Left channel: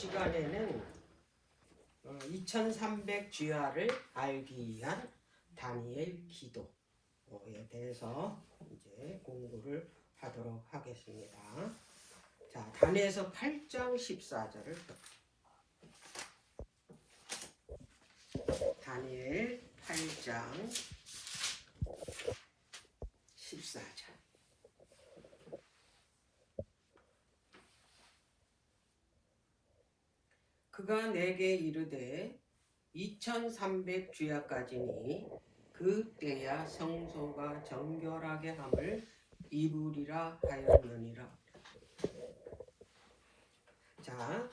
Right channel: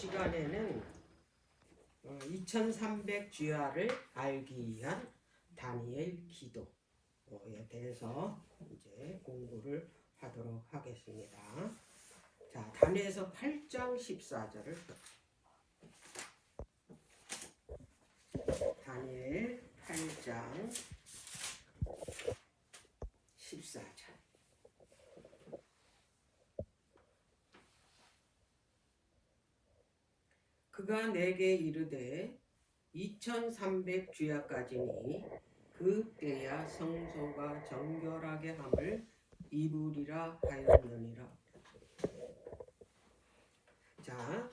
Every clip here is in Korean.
시간에는 2300주야를 알기 위한 다니엘 기도에 대해서 이제 공부를 하도록 하겠습니다. 자, 다니엘서 8장 14절을 다니엘 8장 14절. 그가 내게 이르되 2300주야까지니 그때야 성소가 정결하게 함을 이루리라 하였느니라. 자,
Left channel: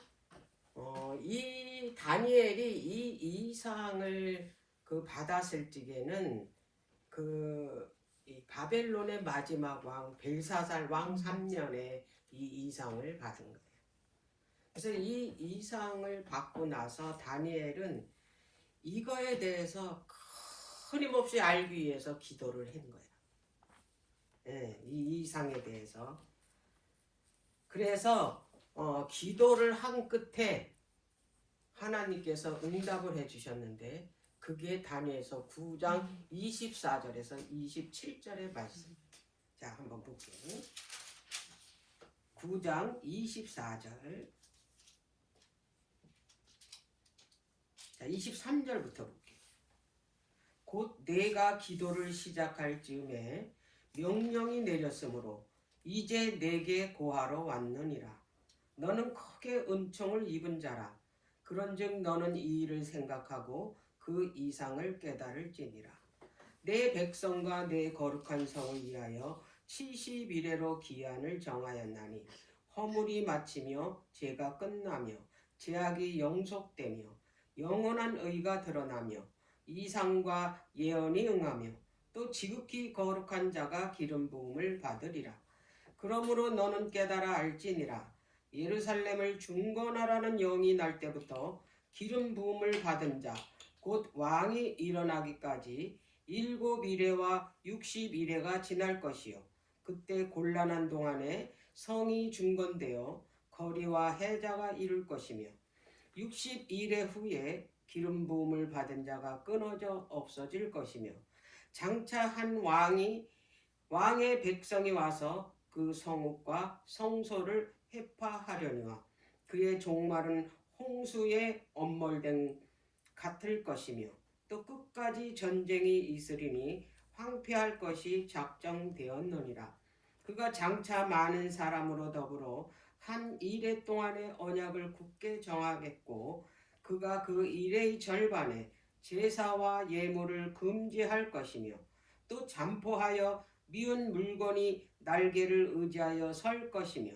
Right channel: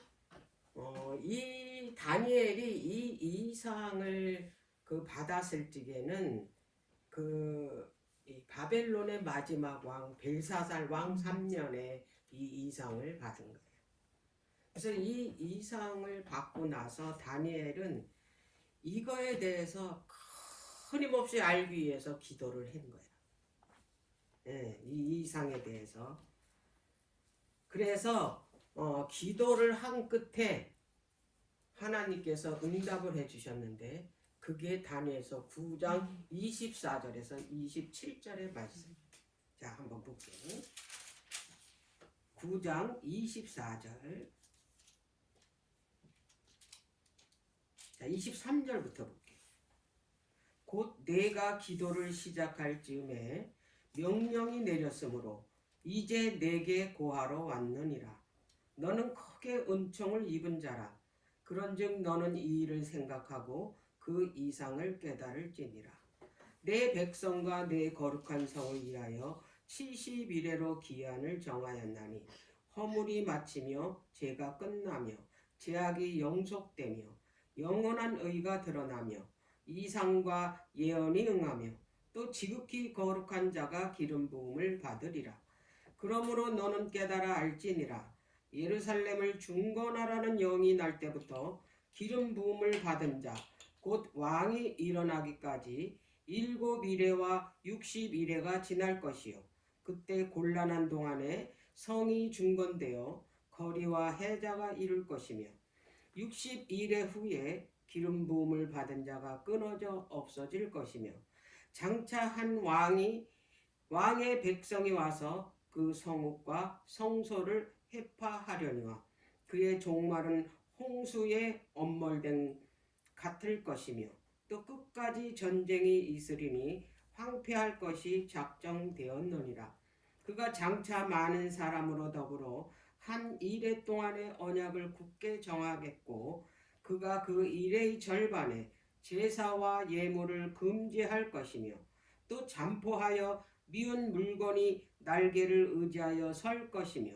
이 다니엘이 이 이상을 받았을 적에는 이 바벨론의 마지막 왕 벨사살 왕 3년에 이 이상을 받은 거예요. 그래서 이 이상을 받고 나서 다니엘은 이거에 대해서 끊임없이 알기 위해서 기도를 한 거예요. 네, 이 이상에 대해서. 그래서 기도를 한 끝에 하나님께서 응답을 해주셨는데 그게 다니엘서 9장 24절에서 27절의 말씀. 자, 한번 볼게요. 9장 24절. 자, 23절부터 볼게요. 곧 내가 기도를 시작할 즈음에 명령이 내렸으므로 이제 내게 고하러 왔느니라. 너는 크게 은총을 입은 자라. 그런즉 너는 이 일을 생각하고 그 이상을 깨달을지니라. 내 백성과 내 거룩한 성을 위하여 70일에로 기한을 정하였나니 허물이 마치며 죄가 끝나며 죄악이 영속되며 영원한 의가 드러나며 이상과 예언이 응하며 또 지극히 거룩한 자가 기름 부음을 받으리라. 그러므로 너는 깨달아 알지니라. 예루살렘을 중건하라는 영이 날 때부터 기름 부음을 받은 자 곧 왕이 일어나기까지 7일에와 60일에가 지날 것이요. 그때 곤란한 동안에 성이 중건되어 거리와 해자가 이룰 것이며 60일의 후에 기름 부음을 받은 자가 끊어져 없어질 것이며 장차 한 왕의 백성이 와서 그 성읍과 성소를 해파하려니와 그의 종말은 홍수의 엄몰됨 같을 것이며 또 끝까지 전쟁이 있으리니 황폐할 것이 작정되었느니라. 그가 장차 많은 사람으로 더불어 한 이레 동안의 언약을 굳게 정하겠고 그가 그 이레의 절반에 제사와 예물을 금지할 것이며 또 잠포하여 미운 물건이 날개를 의지하여 설 것이며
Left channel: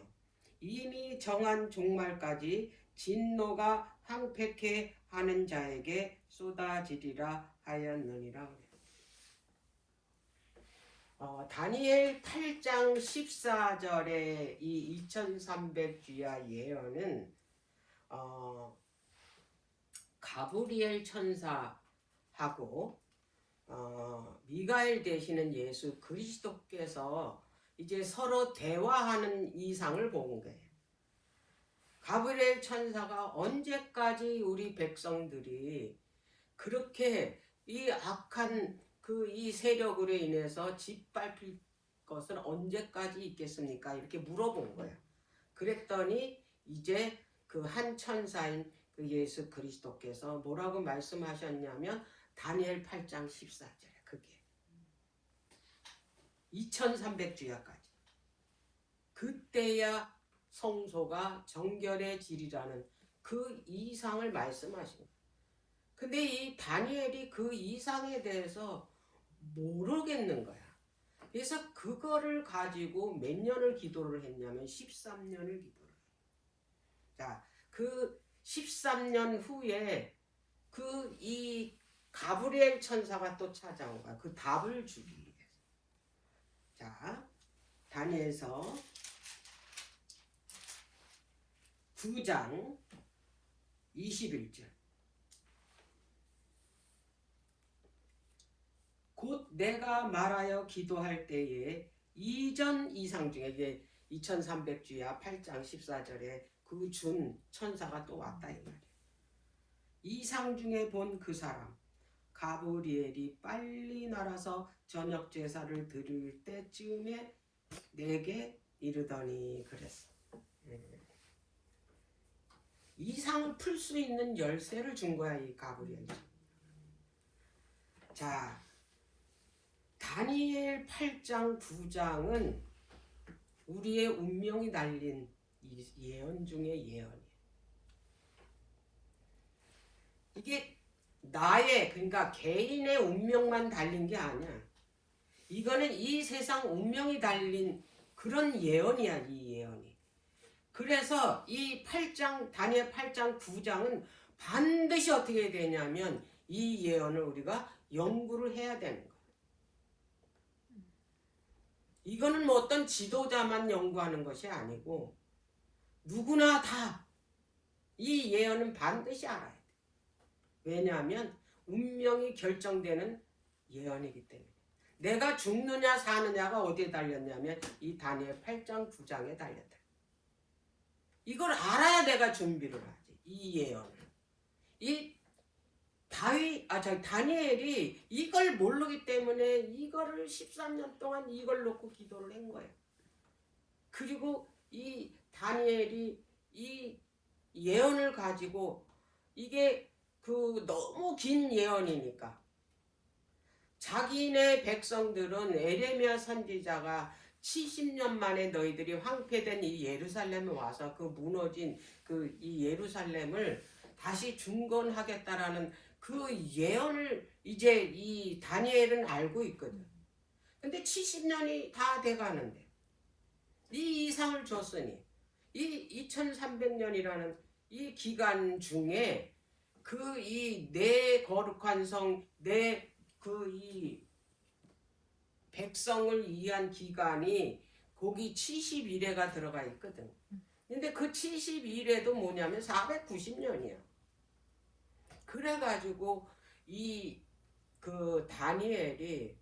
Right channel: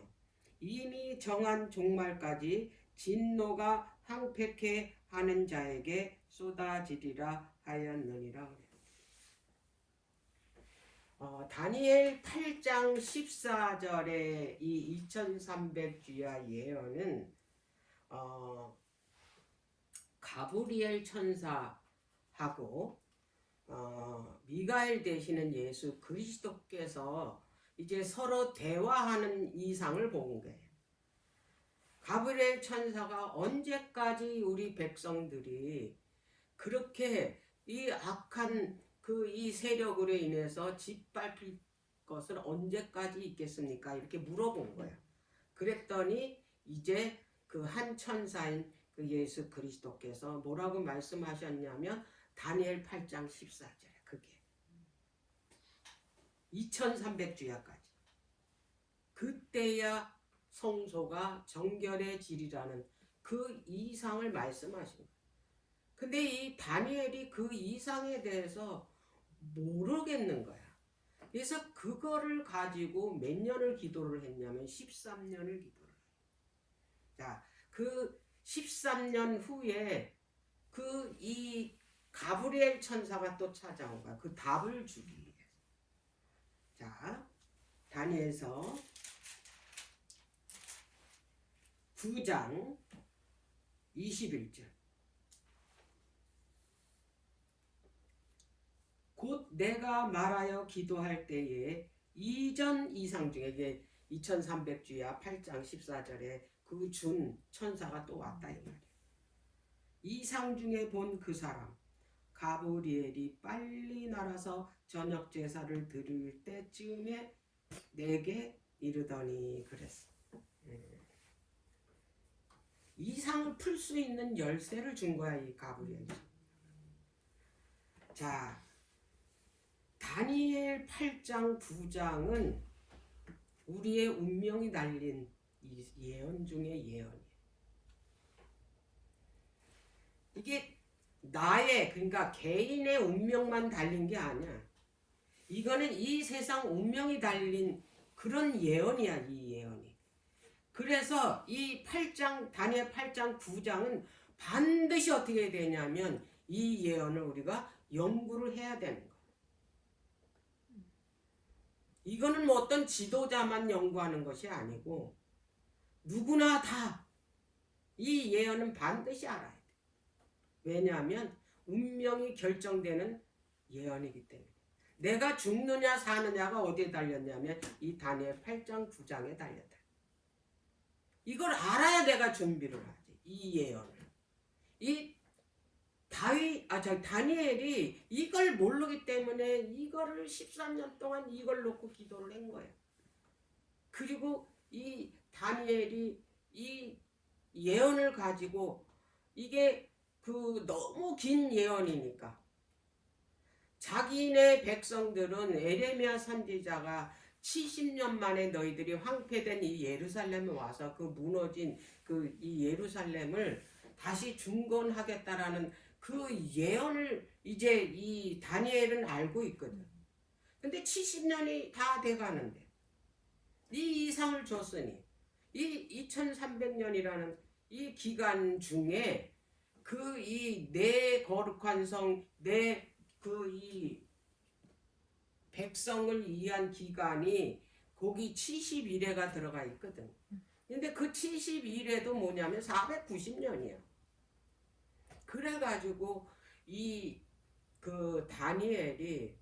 이미 정한 종말까지 진노가 황폐케 하는 자에게 쏟아지리라 하였느니라. 다니엘 8장 14절의 이 2300주야 예언은 가브리엘 천사하고 미가엘 되시는 예수 그리스도께서 이제 서로 대화하는 이상을 본 거예요. 가브리엘 천사가 언제까지 우리 백성들이 그렇게 이 악한 이 세력으로 인해서 짓밟힐 것은 언제까지 있겠습니까? 이렇게 물어본 거야. 그랬더니 이제 그 한 천사인 그 예수 그리스도께서 뭐라고 말씀하셨냐면 다니엘 8장 14절에 그게 2300주야까지 그때야 성소가 정결해지리라는 그 이상을 말씀하신 거예요. 근데 이 다니엘이 그 이상에 대해서 모르겠는 거야. 그래서 그거를 가지고 몇 년을 기도를 했냐면 13년을 기도를 해요. 자, 그 13년 후에 이 가브리엘 천사가 또 찾아온 거야. 그 답을 주기 위해서. 자, 다니엘서 9장 21절. 곧 내가 말하여 기도할 때에 이전 이상 중에 이게 2300주야 8장 14절에 그 준 천사가 또 왔다 이 말이야. 이상 중에 본 그 사람 가브리엘이 빨리 날아서 저녁 제사를 드릴 때쯤에 내게 이르더니 그랬어. 이상을 풀 수 있는 열쇠를 준 거야 이 가브리엘이. 자, 다니엘 8장 9장은 우리의 운명이 달린 예언 중에 예언이에요. 이게 나의, 그러니까 개인의 운명만 달린 게 아니야. 이거는 이 세상 운명이 달린 그런 예언이야, 이 예언이. 그래서 이 8장, 다니엘 8장 9장은 반드시 어떻게 되냐면 이 예언을 우리가 연구를 해야 되는 거야. 이거는 뭐 어떤 지도자만 연구하는 것이 아니고 누구나 다 이 예언은 반드시 알아야 돼. 왜냐하면 운명이 결정되는 예언이기 때문에. 내가 죽느냐 사느냐가 어디에 달렸냐면 이 다니엘 8장 9장에 달렸다. 이걸 알아야 내가 준비를 하지. 이 예언을. 이 다니엘이 이걸 모르기 때문에 이거를 13년 동안 이걸 놓고 기도를 한 거예요. 그리고 이 다니엘이 이 예언을 가지고 이게 그 너무 긴 예언이니까 자기네 백성들은 에레미야 선지자가 70년 만에 너희들이 황폐된 이 예루살렘에 와서 그 무너진 그 이 예루살렘을 다시 중건하겠다라는 그 예언을 이제 이 다니엘은 알고 있거든. 근데 70년이 다 돼가는데 이 이상을 줬으니 이 2300년이라는 이 기간 중에 그 이 내 거룩한 성, 내 그 이 백성을 위한 기간이 거기 70일에가 들어가 있거든. 근데 그 71회도 뭐냐면 490년이야. 그래가지고 이 그 다니엘이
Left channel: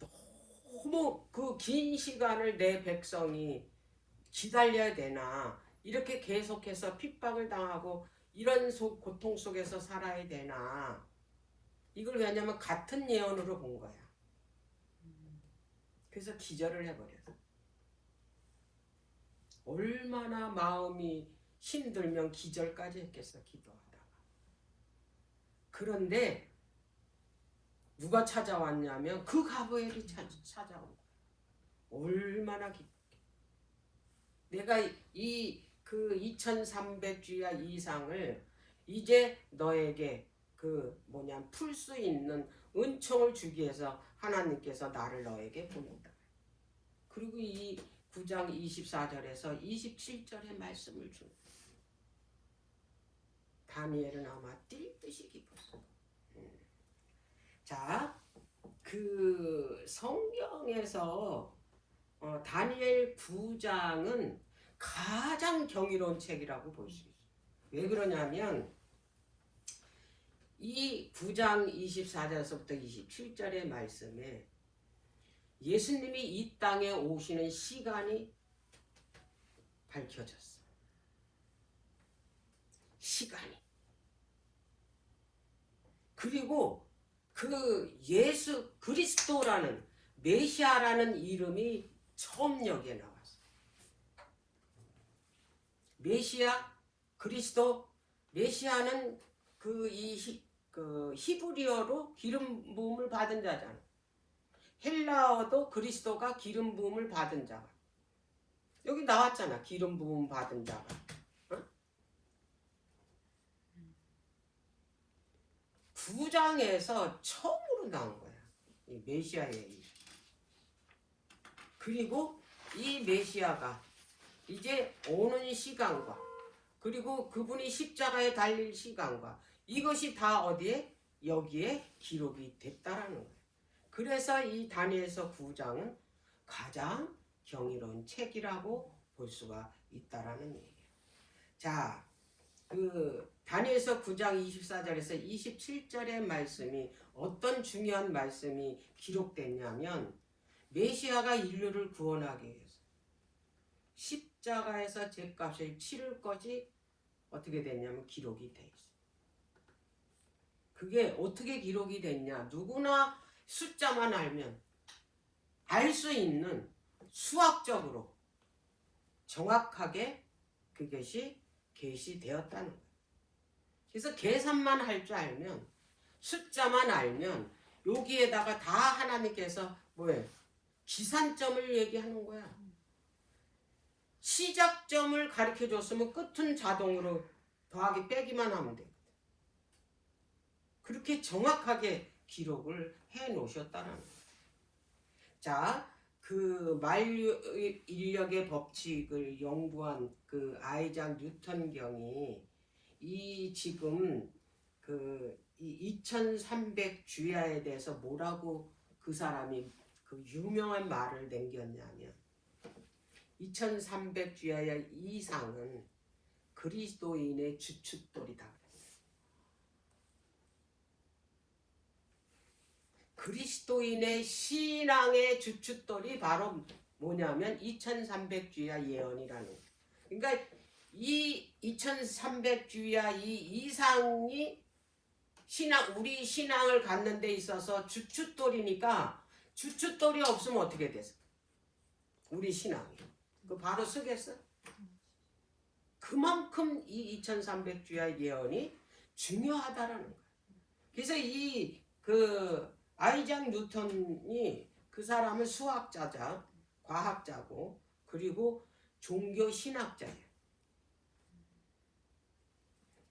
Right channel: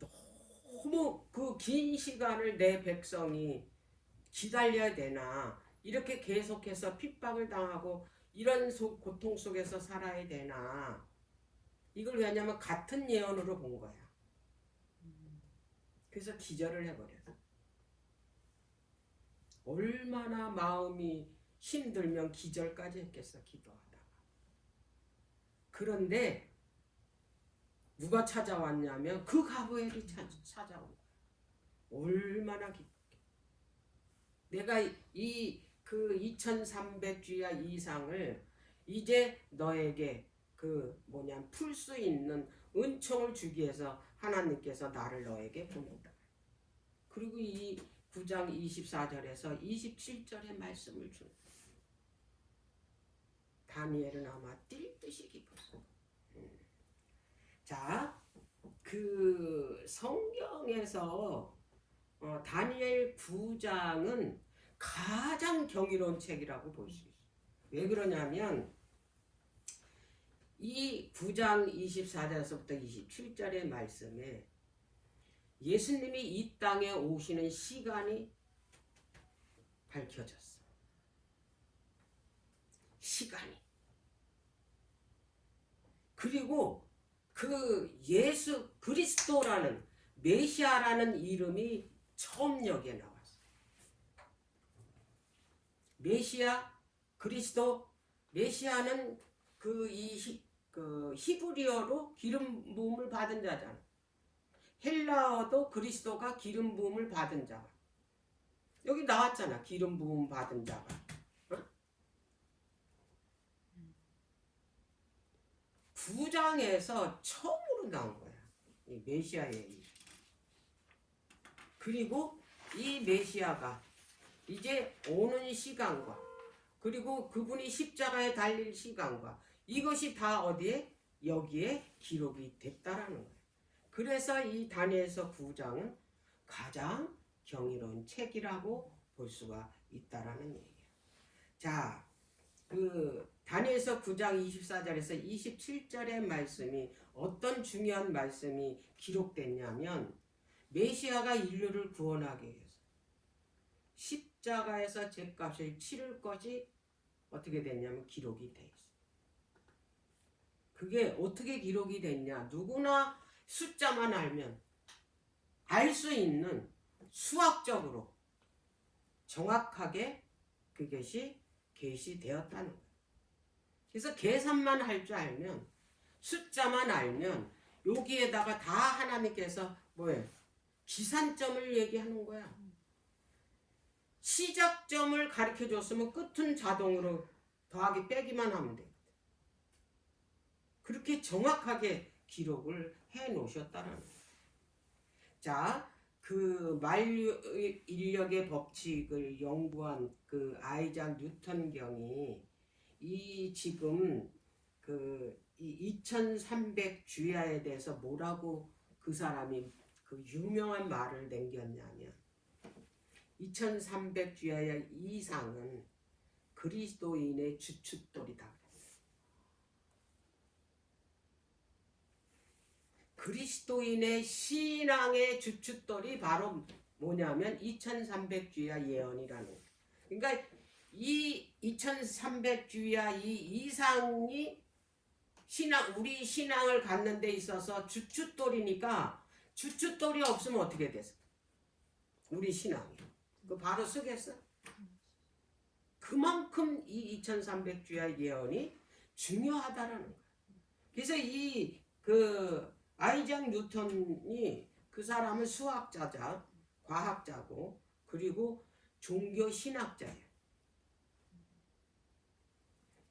너무 그 긴 시간을 내 백성이 기다려야 되나, 이렇게 계속해서 핍박을 당하고 이런 고통 속에서 살아야 되나, 이걸 왜냐면 같은 예언으로 본 거야. 그래서 기절을 해버렸어. 얼마나 마음이 힘들면 기절까지 했겠어, 기도하다가. 그런데 누가 찾아왔냐면 그 가브리엘이 찾아온 거야. 얼마나 기쁘게. 내가 그 2300주야 이상을 이제 너에게 풀 수 있는 은총을 주기 위해서 하나님께서 나를 너에게 보낸다. 그리고 이 9장 24절에서 27절의 말씀을 준 다니엘은 아마 뛸 듯이 기뻤어. 자, 그 성경에서 다니엘 9장은 가장 경이로운 책이라고 볼 수 있어요. 왜 그러냐면 이 9장 24절에서부터 27절의 말씀에 예수님이 이 땅에 오시는 시간이 밝혀졌어. 시간이. 그리고 그 예수 그리스도라는 메시아라는 이름이 처음 여기에 나왔어. 메시아, 그리스도, 메시아는 그 히브리어로 기름 부음을 받은 자잖아. 헬라어도 그리스도가 기름 부음을 받은 자가. 여기 나왔잖아. 기름 부음 받은 자가. 어? 9장에서 처음으로 나온 거야. 이 메시아의 이름. 그리고 이 메시아가 이제 오는 시간과 그리고 그분이 십자가에 달릴 시간과 이것이 다 어디에? 여기에 기록이 됐다라는 거예요. 그래서 이 다니엘서 9장은 가장 경이로운 책이라고 볼 수가 있다라는 얘기예요. 자, 그 다니엘서 9장 24절에서 27절의 말씀이 어떤 중요한 말씀이 기록됐냐면 메시아가 인류를 구원하기 위해서 십자가에서 죄값을 치를 것이 어떻게 됐냐면 기록이 돼 있어. 그게 어떻게 기록이 됐냐? 누구나 숫자만 알면 알 수 있는 수학적으로 정확하게 그것이 계시되었다는 거예요. 그래서 계산만 할 줄 알면 숫자만 알면 여기에다가 다 하나님께서 뭐예요? 기산점을 얘기하는 거야. 시작점을 가르쳐 줬으면 끝은 자동으로 더하기 빼기만 하면 돼. 그렇게 정확하게 기록을 해 놓으셨다는 거예요. 자, 그 만유인력의 법칙을 연구한 그 아이작 뉴턴경이 이 지금 그 2300 주야에 대해서 뭐라고 그 사람이 그 유명한 말을 남겼냐면 2300 주야의 이상은 그리스도인의 주춧돌이다. 그리스도인의 신앙의 주춧돌이 바로 뭐냐면 2300 주야 예언이라는 거예요. 그러니까 이 2300 주야 이 이상이 우리 신앙을 갖는 데 있어서 주춧돌이니까 주춧돌이 없으면 어떻게 됐어? 우리 신앙이. 그 바로 쓰겠어? 그만큼 이 2300 주야 예언이 중요하다라는 거예요. 그래서 아이작 뉴턴이 그 사람은 수학자자, 과학자고 그리고 종교 신학자예요.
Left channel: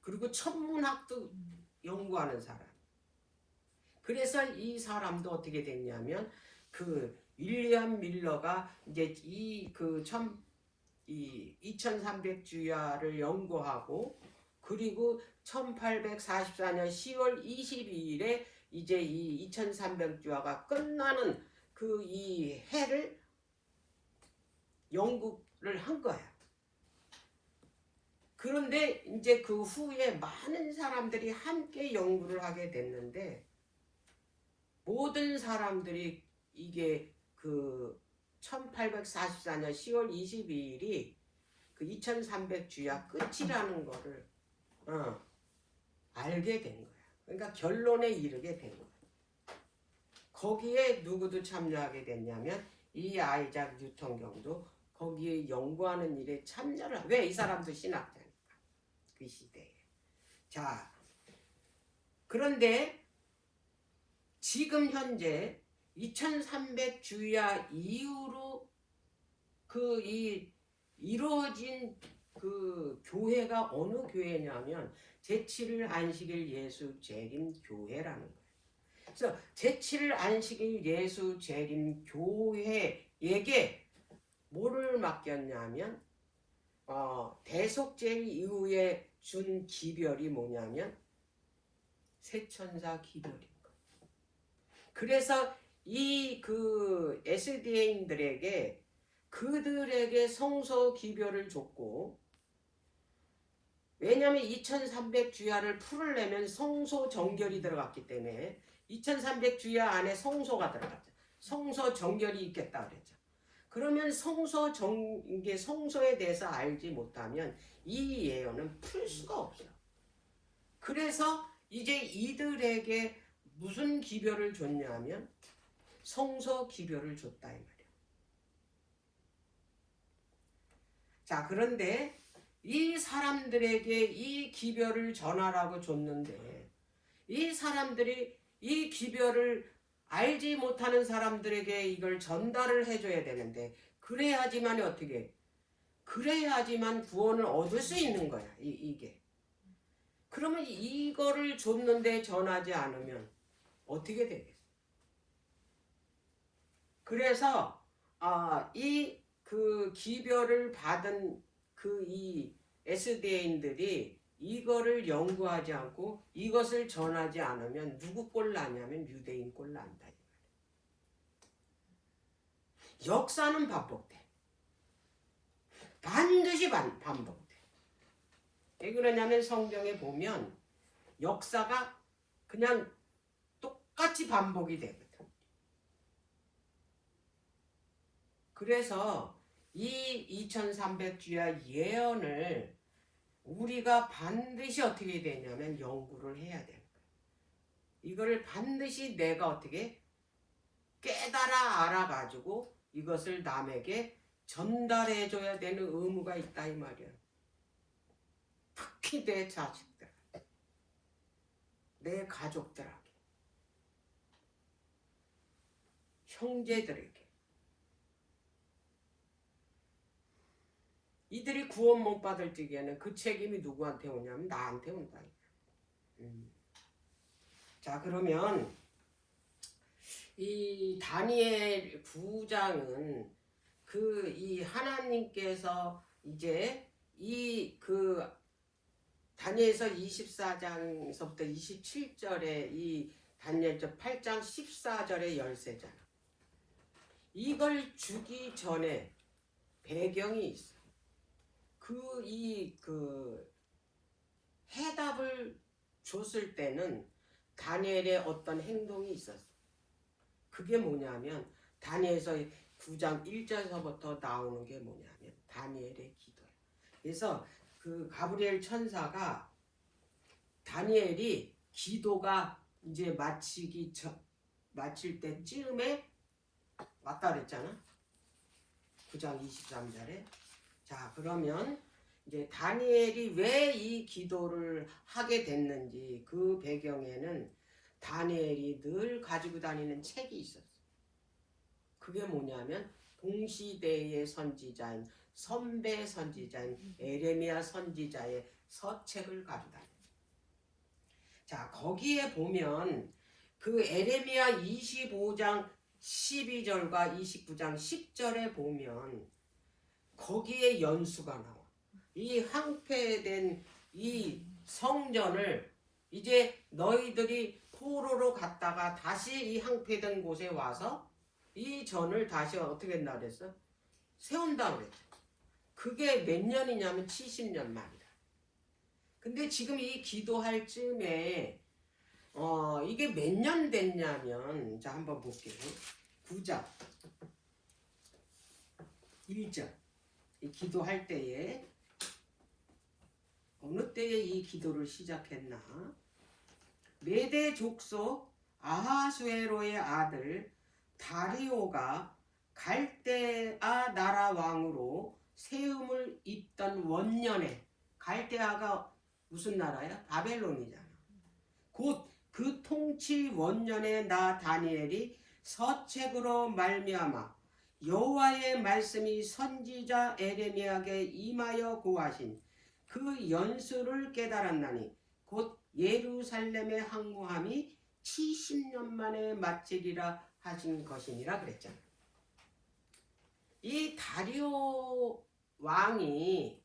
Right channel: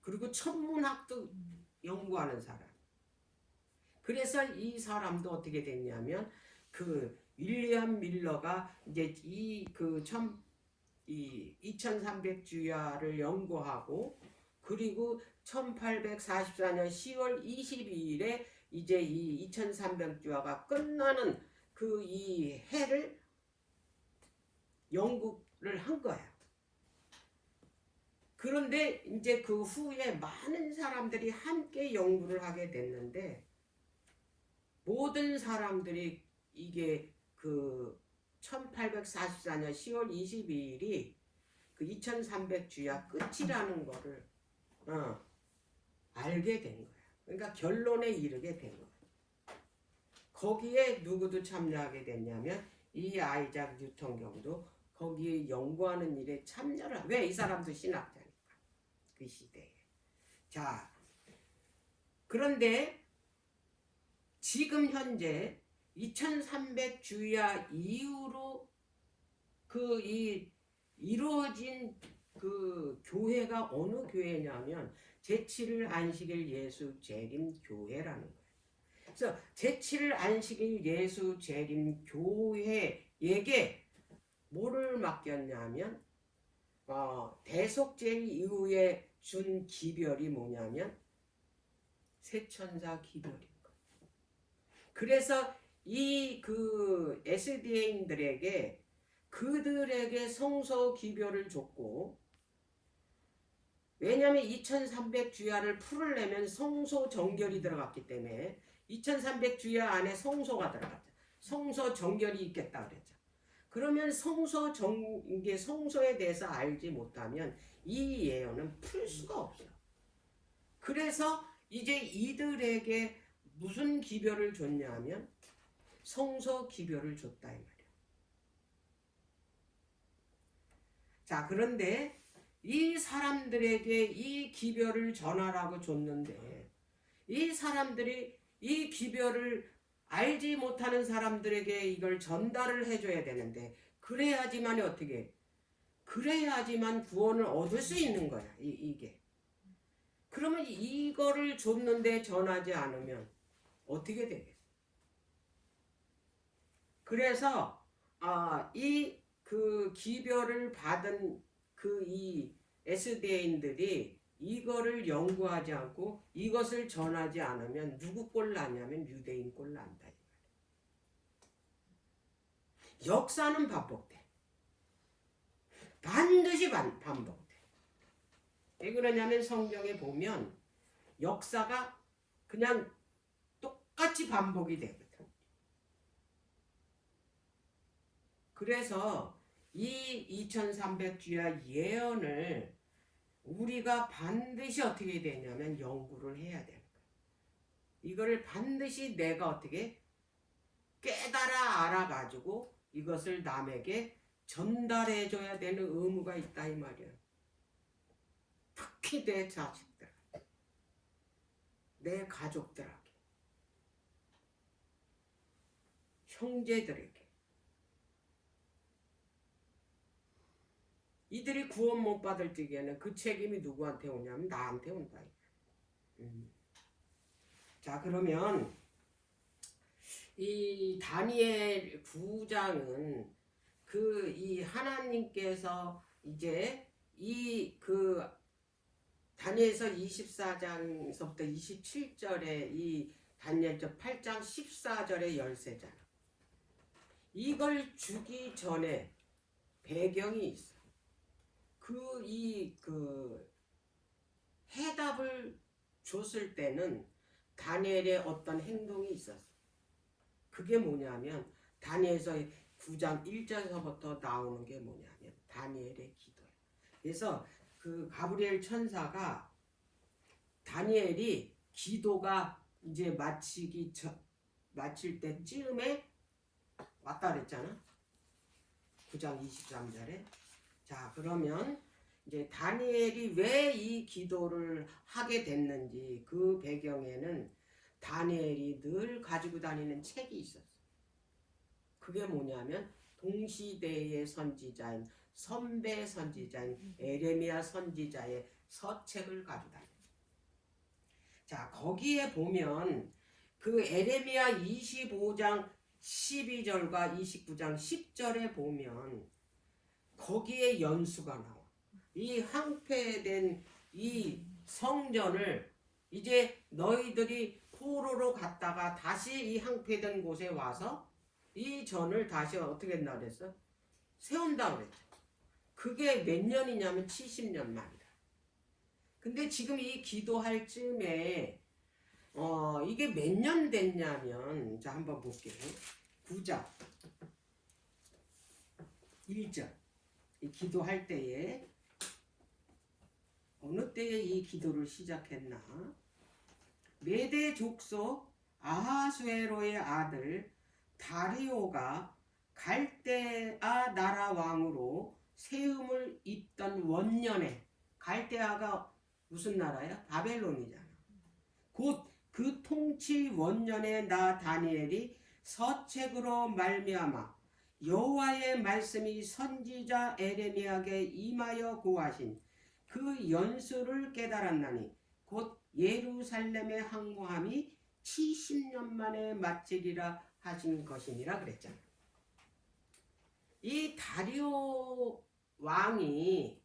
그리고 천문학도 연구하는 사람. 그래서 이 사람도 어떻게 됐냐면 그 윌리엄 밀러가 이제 2300 주야를 연구하고 그리고 1844년 10월 22일에 이제 이 2300 주야가 끝나는 그 이 해를 연구를 한 거야. 그런데 이제 그 후에 많은 사람들이 함께 연구를 하게 됐는데 모든 사람들이 이게 그 1844년 10월 22일이 그 2300 주야 끝이라는 거를 알게 된 거야. 그러니까 결론에 이르게 된 거야. 거기에 누구도 참여하게 됐냐면 이 아이작 뉴턴경도 거기에 연구하는 일에 참여를 왜? 이 사람도 신학자니까 그 시대에. 자, 그런데 지금 현재 2300 주야 이후로 이루어진 그 교회가 어느 교회냐면 제7일 안식일 예수 재림 교회라는 거예요. 그래서 제7일 안식일 예수 재림 교회에게 뭐를 맡겼냐면 대속죄 이후에 준 기별이 뭐냐면 세천사 기별인 거예요. 그래서 이 그 SDA인들에게 그들에게 성소 기별을 줬고 왜냐하면 2300 주야를 풀으려면 성소 정결이 들어갔기 때문에 2300 주야 안에 성소가 들어갔죠. 성소 정결이 있겠다 그랬죠. 그러면 성소에 대해서 알지 못하면 이 예언은 풀 수가 없어요. 그래서 이제 이들에게 무슨 기별을 줬냐면 성소 기별을 줬다 이 말이에요. 자, 그런데 이 사람들에게 이 기별을 전하라고 줬는데 이 사람들이 이 기별을 알지 못하는 사람들에게 이걸 전달을 해줘야 되는데 그래야지만 어떻게? 그래야지만 구원을 얻을 수 있는 거야. 이게. 그러면 이거를 줬는데 전하지 않으면 어떻게 되겠어? 그래서 이 그 기별을 받은 이 SDA인들이 이거를 연구하지 않고 이것을 전하지 않으면 누구 꼴 나냐면 유대인 꼴 난다. 역사는 반복돼. 반드시 반복돼. 왜 그러냐면 성경에 보면 역사가 그냥 똑같이 반복이 되거든. 그래서 이 2300주야 예언을 우리가 반드시 어떻게 되냐면 연구를 해야 되는 거예요. 이거를 반드시 내가 어떻게 깨달아 알아가지고 이것을 남에게 전달해줘야 되는 의무가 있다 이 말이야. 특히 내 자식들, 내 가족들에게, 형제들에게. 이들이 구원 못 받을 적에는 그 책임이 누구한테 오냐면 나한테 온다. 자, 그러면 이 다니엘 9장은 이 하나님께서 이제 다니엘서 24장에서부터 27절에 이 다니엘서 8장 14절의 열쇠장, 이걸 주기 전에 배경이 있어. 해답을 줬을 때는 다니엘의 어떤 행동이 있었어. 그게 뭐냐면 다니엘서 9장 1절서부터 나오는 게 뭐냐면 다니엘의 기도야. 그래서 그 가브리엘 천사가 다니엘이 기도가 이제 마칠 때쯤에 왔다 그랬잖아. 9장 23절에. 자, 그러면 이제 다니엘이 왜 이 기도를 하게 됐는지 그 배경에는 다니엘이 늘 가지고 다니는 책이 있었어. 그게 뭐냐면 동시대의 선지자인 선배 선지자인 에레미야 선지자의 서책을 가지고 다녀. 자, 거기에 보면 그 에레미야 25장 12절과 29장 10절에 보면 거기에 연수가 나와. 이 황폐된 이 성전을 이제 너희들이 포로로 갔다가 다시 이 황폐된 곳에 와서 이 전을 다시 어떻게 한다 그랬어? 세운다 그랬죠. 그게 몇 년이냐면 70년 만이다. 근데 지금 이 기도할 즈음에 이게 몇 년 됐냐면, 자, 한번 볼게요. 9장 1절. 이 기도할 때에 어느 때에 이 기도를 시작했나? 메대 족속 아하수에로의 아들 다리오가 갈대아 나라 왕으로 세움을 잇던 원년에, 갈대아가 무슨 나라야? 바벨론이잖아. 곧 그 통치 원년에 나 다니엘이 서책으로 말미암아 여호와의 말씀이 선지자 에레미야에게 임하여 고하신 그 연수를 깨달았나니 곧 예루살렘의 항구함이 70년 만에 마치리라 하신 것이니라 그랬잖아. 이 다리오 왕이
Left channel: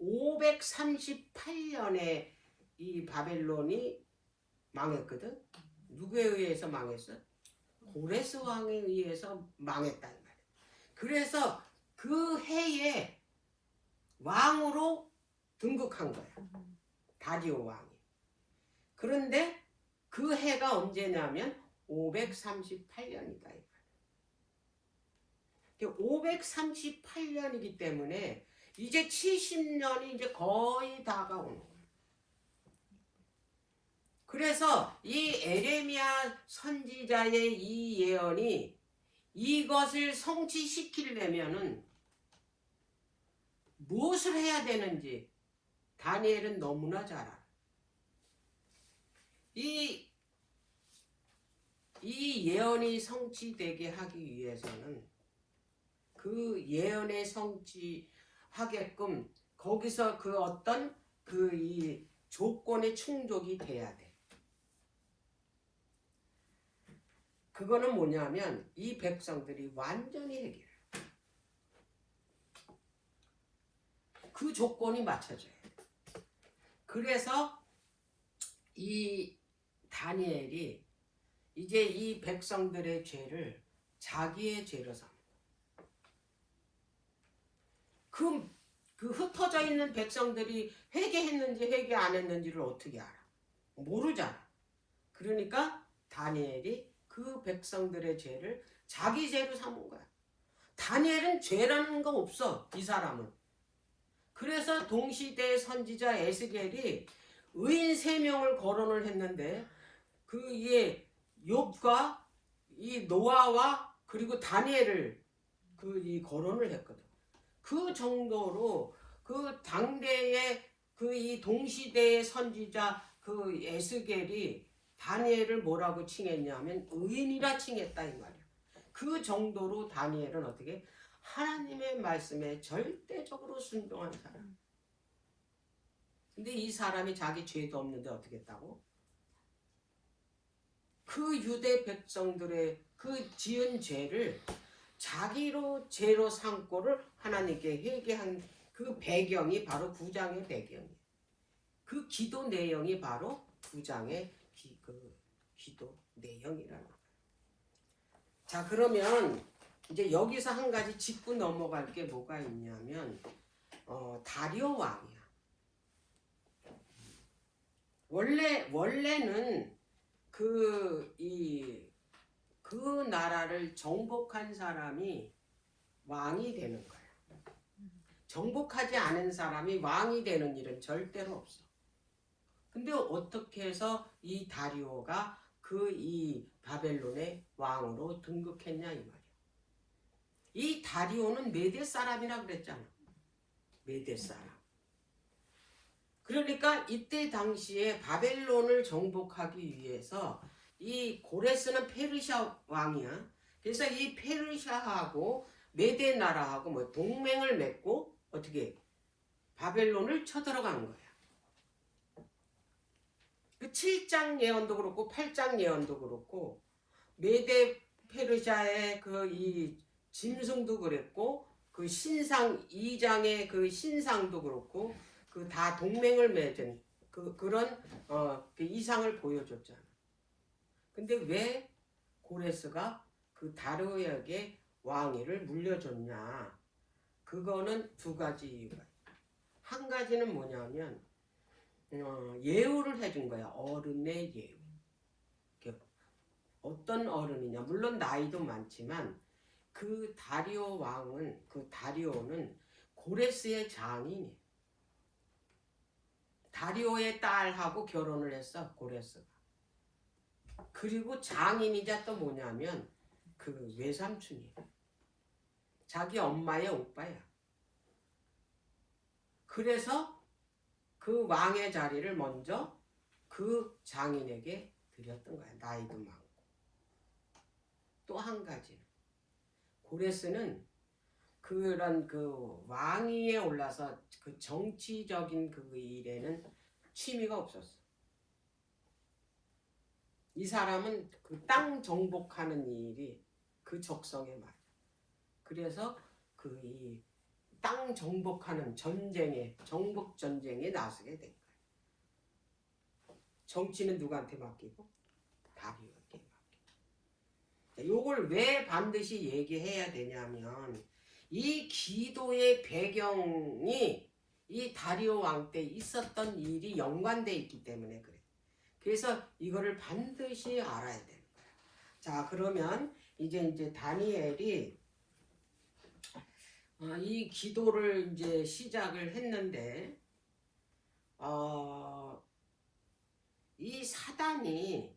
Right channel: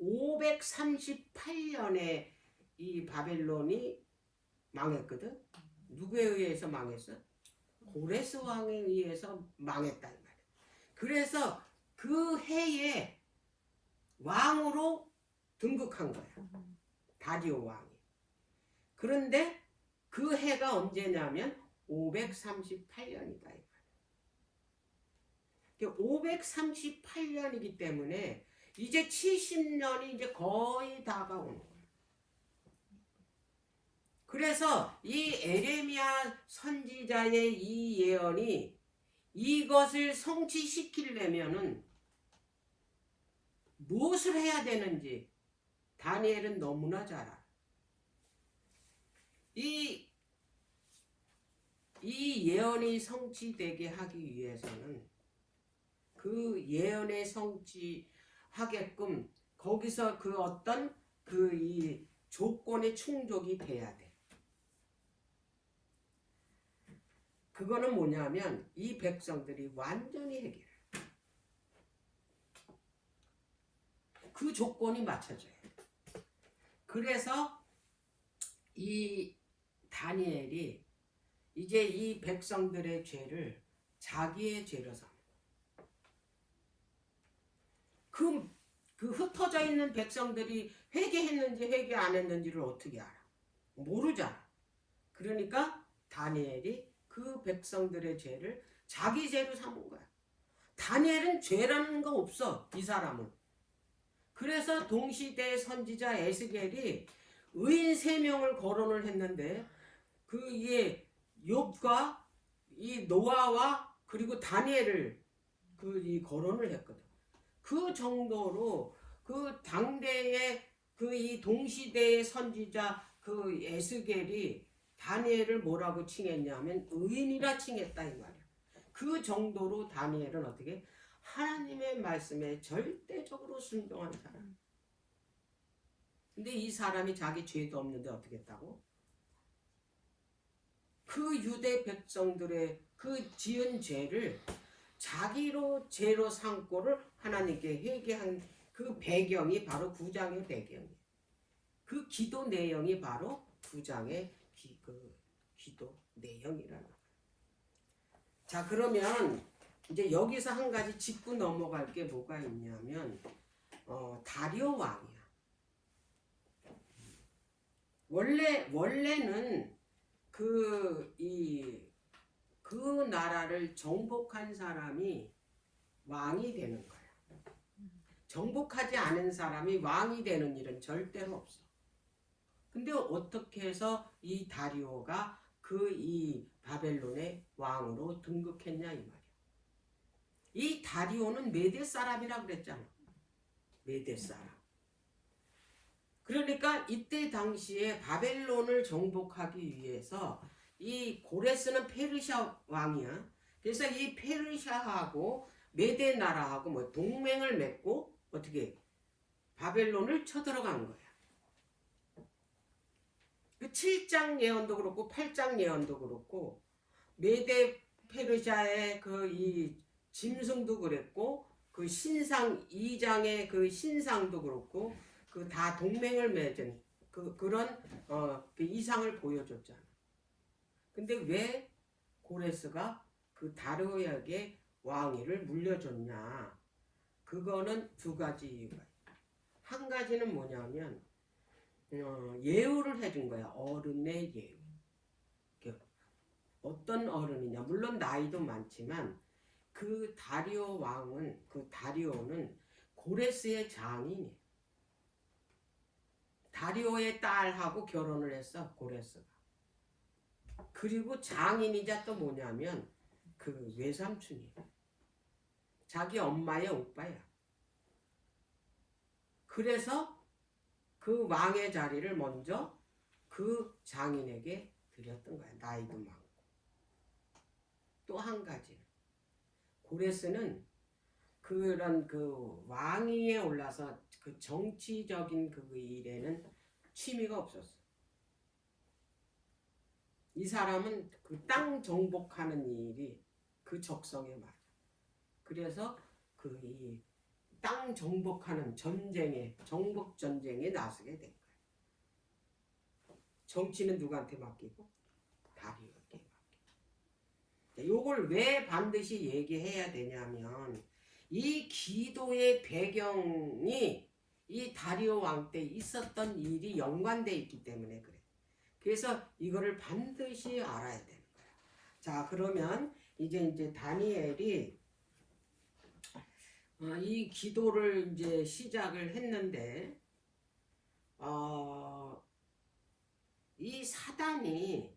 538년에 이 바벨론이 망했거든. 누구에 의해서 망했어? 고레스 왕에 의해서 망했다 이 말이야. 그래서 그 해에 왕으로 등극한 거야. 다리오 왕이. 그런데 그 해가 언제냐면 538년이다. 538년이기 때문에 이제 70년이 이제 거의 다가오는 거예요. 그래서 이 에레미야 선지자의 이 예언이 이것을 성취시키려면은 무엇을 해야 되는지 다니엘은 너무나 잘 알아. 이 예언이 성취되게 하기 위해서는 그 예언의 성취하게끔 거기서 그 어떤 이 조건의 충족이 돼야 돼. 그거는 뭐냐면 이 백성들이 완전히 해결해. 그 조건이 맞춰져야 돼. 그래서 이 다니엘이 이제 이 백성들의 죄를 자기의 죄로 삼는 거야. 그 흩어져 있는 백성들이 회개했는지 회개 안 했는지를 어떻게 알아? 모르잖아. 그러니까 다니엘이 그 백성들의 죄를 자기 죄로 삼은 거야. 다니엘은 죄라는 거 없어. 이 사람은. 그래서 동시대의 선지자 에스겔이 의인 3명을 거론을 했는데 이게 욥과 이 노아와 그리고 다니엘을 이 거론을 했거든. 그 정도로 그 당대의 이 동시대의 선지자 에스겔이 다니엘을 뭐라고 칭했냐면 의인이라 칭했다 이 말이야. 그 정도로 다니엘은 어떻게 하나님의 말씀에 절대적으로 순종한 사람. 근데 이 사람이 자기 죄도 없는데 어떻게 했다고? 그 유대 백성들의 그 지은 죄를 자기로 죄로 삼고를 하나님께 회개한 그 배경이 바로 9장의 배경이에요. 그 기도 내용이 바로 9장의 기도 내용이라는 거예요. 자, 그러면 이제 여기서 한 가지 짚고 넘어갈 게 뭐가 있냐면 다리오 왕이야. 원래는 그 나라를 정복한 사람이 왕이 되는 거야. 정복하지 않은 사람이 왕이 되는 일은 절대로 없어. 근데 어떻게 해서 이 다리오가 이 바벨론의 왕으로 등극했냐 이 말이야. 이 다리오는 메대 사람이라 그랬잖아. 메대 사람. 그러니까 이때 당시에 바벨론을 정복하기 위해서 이 고레스는 페르시아 왕이야. 그래서 이 페르시아하고 메대 나라하고 뭐 동맹을 맺고 어떻게 바벨론을 쳐들어간 거야. 그 7장 예언도 그렇고 8장 예언도 그렇고 메대 페르시아의 이 짐승도 그랬고 그 신상 2장의 그 신상도 그렇고 그 다 동맹을 맺은 그런 그 이상을 보여줬잖아. 근데 왜 고레스가 그 다리오에게 왕위를 물려줬냐? 그거는 두 가지 이유가 있다. 한 가지는 뭐냐면 예우를 해준 거야. 어른의 예우. 어떤 어른이냐? 물론 나이도 많지만 그 다리오 왕은 다리오는 고레스의 장인이야. 다리오의 딸하고 결혼을 했어 고레스가. 그리고 장인이자 또 뭐냐면 그 외삼촌이야. 자기 엄마의 오빠야. 그래서 그 왕의 자리를 먼저 그 장인에게 드렸던 거야. 나이도 많고. 또 한 가지는 고레스는 그런 왕위에 올라서 그 정치적인 일에는 취미가 없었어. 이 사람은 그 땅 정복하는 일이 그 적성에 맞아. 그래서 이 땅 정복하는 정복 전쟁에 나서게 된 거야. 정치는 누구한테 맡기고? 다리오에게 맡기고. 요걸 왜 반드시 얘기해야 되냐면 이 기도의 배경이 이 다리오 왕 때 있었던 일이 연관돼 있기 때문에 그래. 그래서 이거를 반드시 알아야 되는 거야. 자, 그러면 이제 다니엘이 이 기도를 이제 시작을 했는데 이 사단이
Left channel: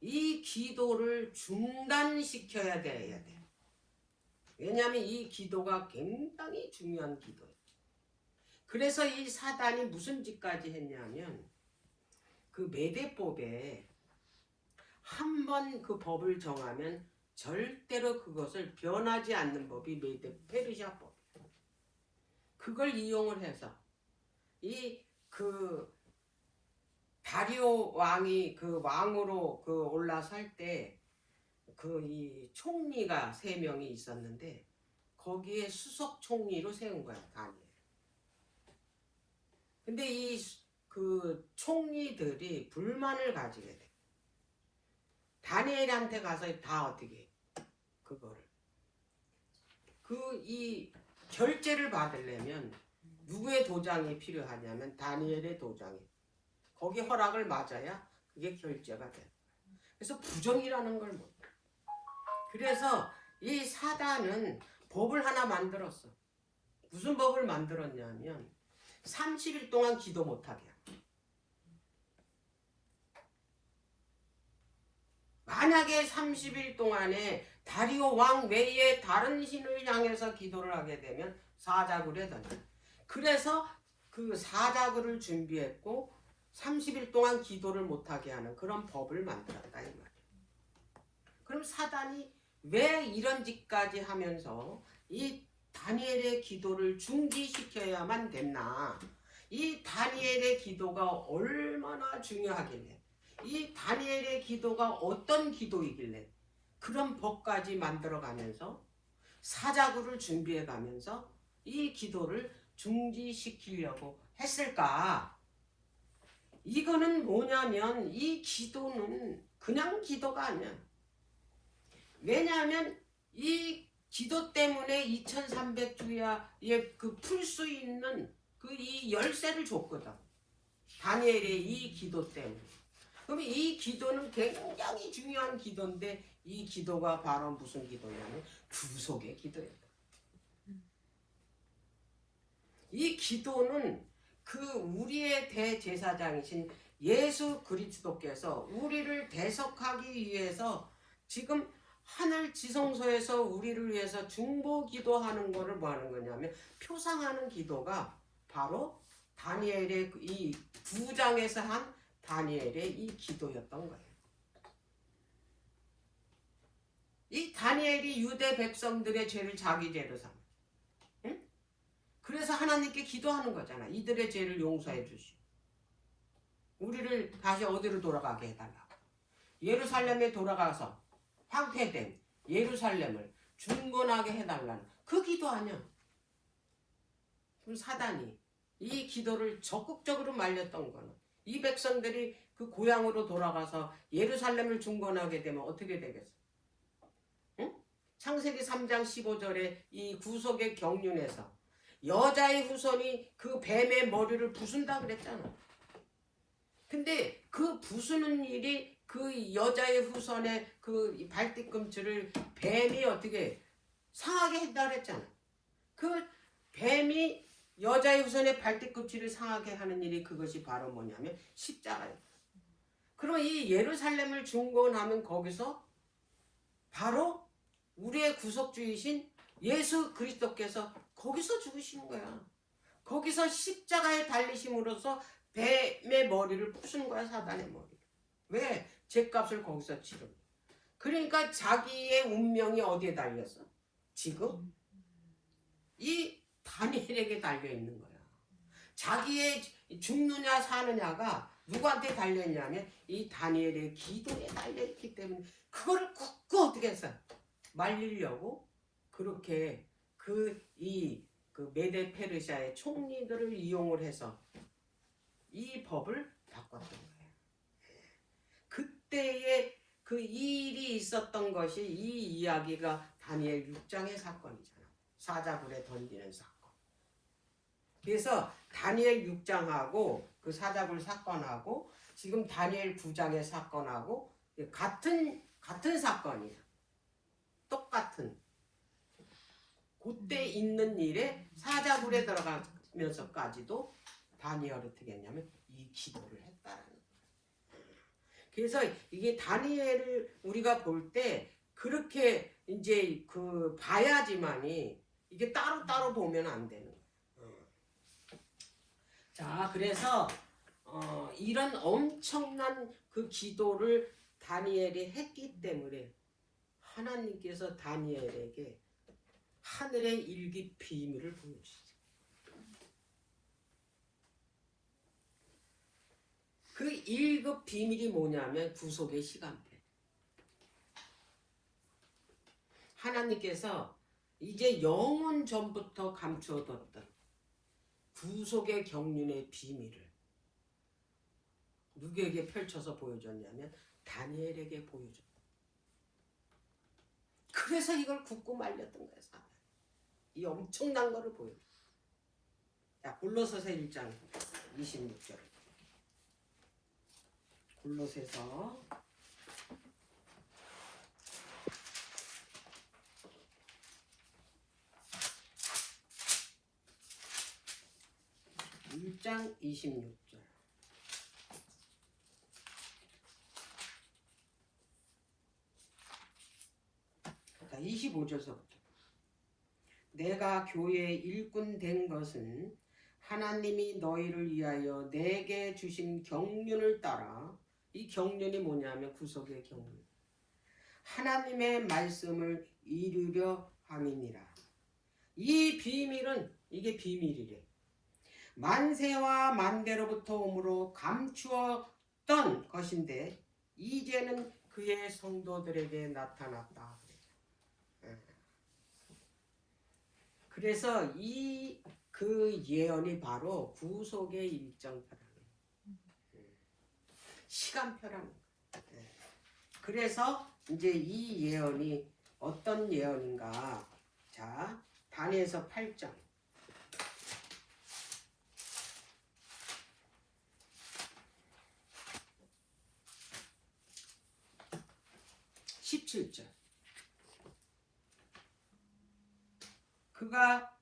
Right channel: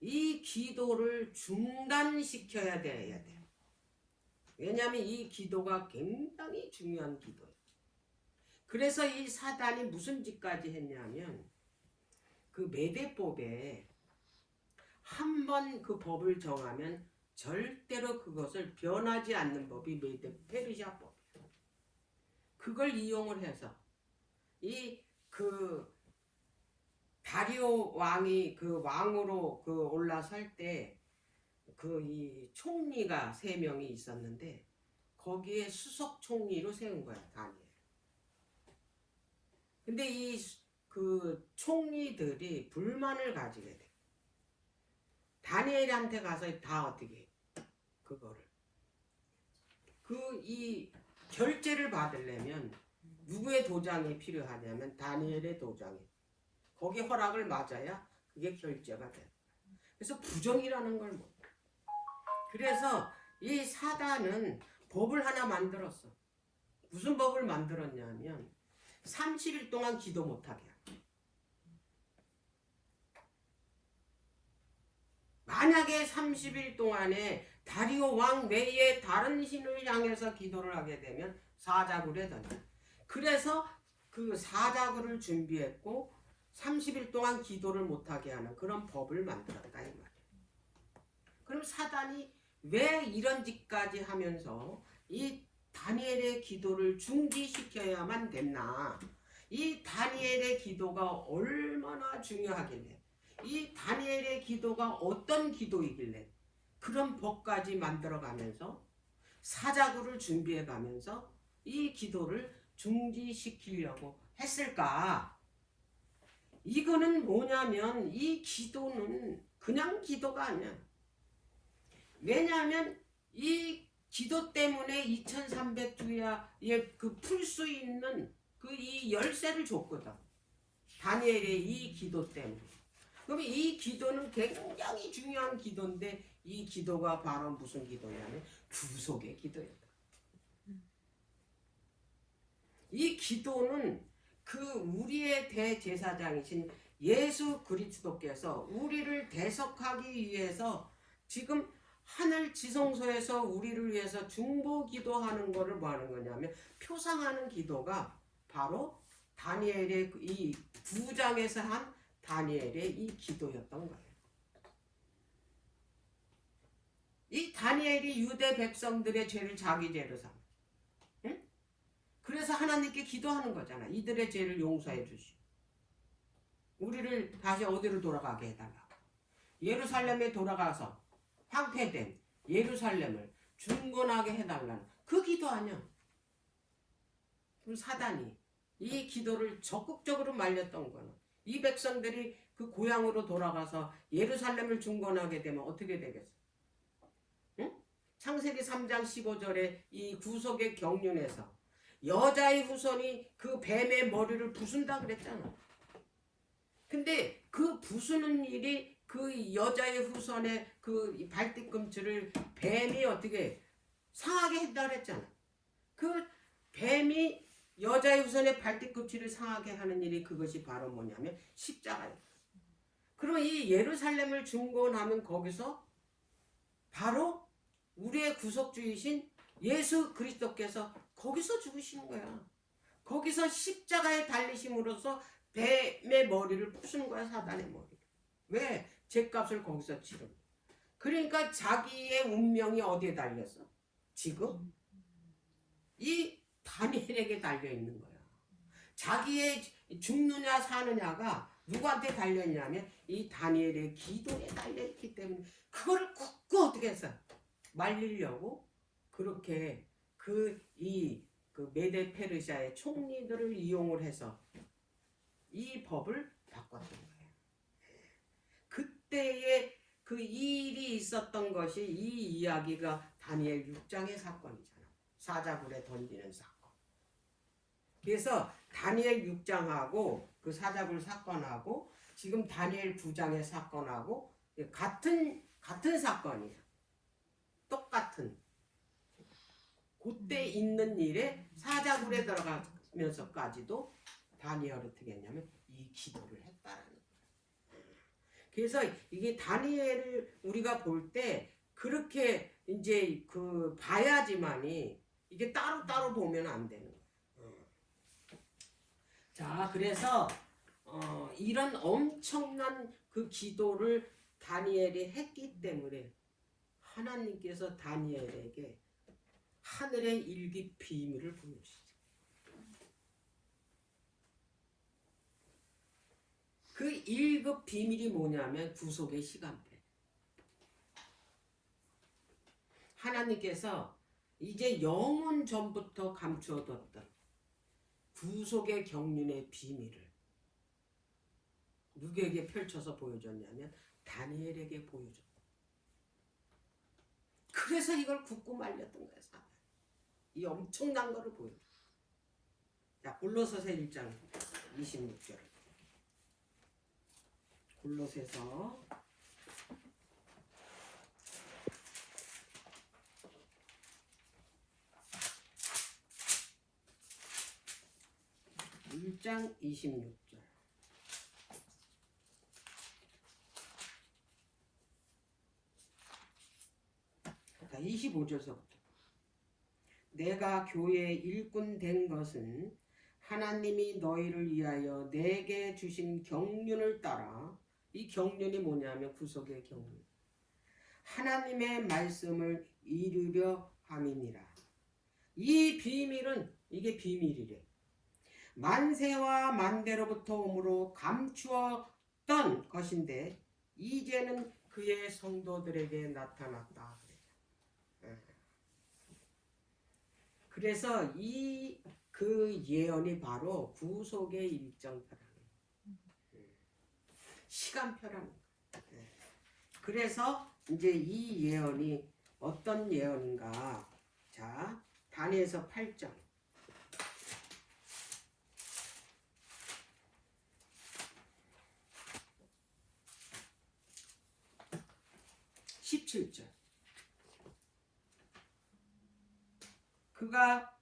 이 기도를 중단시켜야 돼야 돼. 왜냐하면 이 기도가 굉장히 중요한 기도예요. 그래서 이 사단이 무슨 짓까지 했냐면 그 메대법에 한 번 그 법을 정하면 절대로 그것을 변하지 않는 법이 페르시아 법이에요. 그걸 이용을 해서 다리오 왕이 왕으로 올라설 때 이 총리가 3명이 있었는데 거기에 수석 총리로 세운 거야, 다니엘. 근데 이 총리들이 불만을 가지게 돼. 다니엘한테 가서 다 어떻게 그거를 이 결제를 받으려면 누구의 도장이 필요하냐면 다니엘의 도장이. 거기 허락을 맞아야 그게 결제가 돼. 그래서 부정이라는 걸 못. 그래서 이 사단은 법을 하나 만들었어. 무슨 법을 만들었냐면 30일 동안 기도 못하게 하는. 만약에 30일 동안에 다리오 왕 외에 다른 신을 향해서 기도를 하게 되면 사자굴에 던져. 그래서 그 사자굴을 준비했고 30일 동안 기도를 못하게 하는 그런 법을 만들었다 이 말이에요. 그럼 사단이 왜 이런 짓까지 하면서 이 다니엘의 기도를 중지시켜야만 됐나? 이 다니엘의 기도가 얼마나 중요하길래, 이 다니엘의 기도가 어떤 기도이길래 그런 법까지 만들어가면서 사자굴을 준비해가면서 이 기도를 중지시키려고 했을까? 이거는 뭐냐면 이 기도는 그냥 기도가 아니야. 왜냐하면 이 기도 때문에 2300주야에 그 풀 수 있는 그 이 열쇠를 줬거든. 다니엘의 이 기도 때문에. 그럼 이 기도는 굉장히 중요한 기도인데 이 기도가 바로 무슨 기도냐면 구속의 기도예요. 이 기도는 그 우리의 대제사장이신 예수 그리스도께서 우리를 대속하기 위해서 지금 하늘 지성소에서 우리를 위해서 중보 기도하는 거를 뭐 하는 거냐면 표상하는 기도가 바로 다니엘의 이 9장에서 한 다니엘의 이 기도였던 거예요. 이 다니엘이 유대 백성들의 죄를 자기 죄로 삼아. 응? 그래서 하나님께 기도하는 거잖아. 이들의 죄를 용서해 주시고 우리를 다시 어디로 돌아가게 해달라고. 예루살렘에 돌아가서 황폐된 예루살렘을 중건하게 해달라는 그 기도 아니야. 그럼 사단이 이 기도를 적극적으로 말렸던 거는 이 백성들이 그 고향으로 돌아가서 예루살렘을 중건하게 되면 어떻게 되겠어? 응? 창세기 3장 15절에 이 구속의 경륜에서 여자의 후손이 그 뱀의 머리를 부순다 그랬잖아. 근데 그 부수는 일이 그 여자의 후손의 그 발뒤꿈치를 뱀이 어떻게 상하게 했다 그랬잖아. 그 뱀이 여자의 후손의 발뒤꿈치를 상하게 하는 일이 그것이 바로 뭐냐면 십자가예요. 그럼 이 예루살렘을 중건하는 거기서 바로 우리의 구속주이신 예수 그리스도께서 거기서 죽으시는 거야. 거기서 십자가에 달리심으로써 뱀의 머리를 부수는 거야. 사단의 머리. 왜? 죄값을 거기서 치르. 그러니까 자기의 운명이 어디에 달렸어? 지금 이 다니엘에게 달려있는 거야. 자기의 죽느냐 사느냐가 누구한테 달려있냐면 이 다니엘의 기도에 달려있기 때문에 그거를 굳고 어떻게 했어? 말리려고 그렇게 그 메데 페르시아의 총리들을 이용을 해서 이 법을 바꿨던 거예요. 그때의 그 일이 있었던 것이 이 이야기가 다니엘 6장의 사건이잖아. 사자굴에 던지는 사건. 그래서 다니엘 6장하고 그 사자굴 사건하고 지금 다니엘 9장의 사건하고 같은 사건이야. 똑같은. 그때 있는 일에 사자굴에 들어가면서까지도 다니엘이 어떻게 했냐면 이 기도를 했다는 거예요. 그래서 이게 다니엘을 우리가 볼 때 그렇게 이제 그 봐야지만이 이게 따로따로 보면 안 되는 거예요. 자, 그래서 이런 엄청난 그 기도를 다니엘이 했기 때문에 하나님께서 다니엘에게 하늘의 일기 비밀을 보여주셨어요. 그 1급 비밀이 뭐냐면 구속의 시간표. 하나님께서 이제 영원 전부터 감추어뒀던 구속의 경륜의 비밀을 누구에게 펼쳐서 보여줬냐면 다니엘에게 보여줬다. 그래서 이걸 굳고 말렸던 거예요. 사단. 이 엄청난 거를 보여줘. 자, 골로새서 1장 26절. 골로새서 1장 26절. 25절서부터. 내가 교회의 일꾼 된 것은 하나님이 너희를 위하여 내게 주신 경륜을 따라, 이 경륜이 뭐냐면 구속의 경륜, 하나님의 말씀을 이루려 함이니라. 이 비밀은, 이게 비밀이래. 만세와 만대로부터 오므로 감추었던 것인데 이제는 그의 성도들에게 나타났다. 그래서 그 예언이 바로 구속의 일정표라는, 시간표라는 거예요. 그래서 이제 이 예언이 어떤 예언인가? 자, 다니엘서 8장. 17절. 그가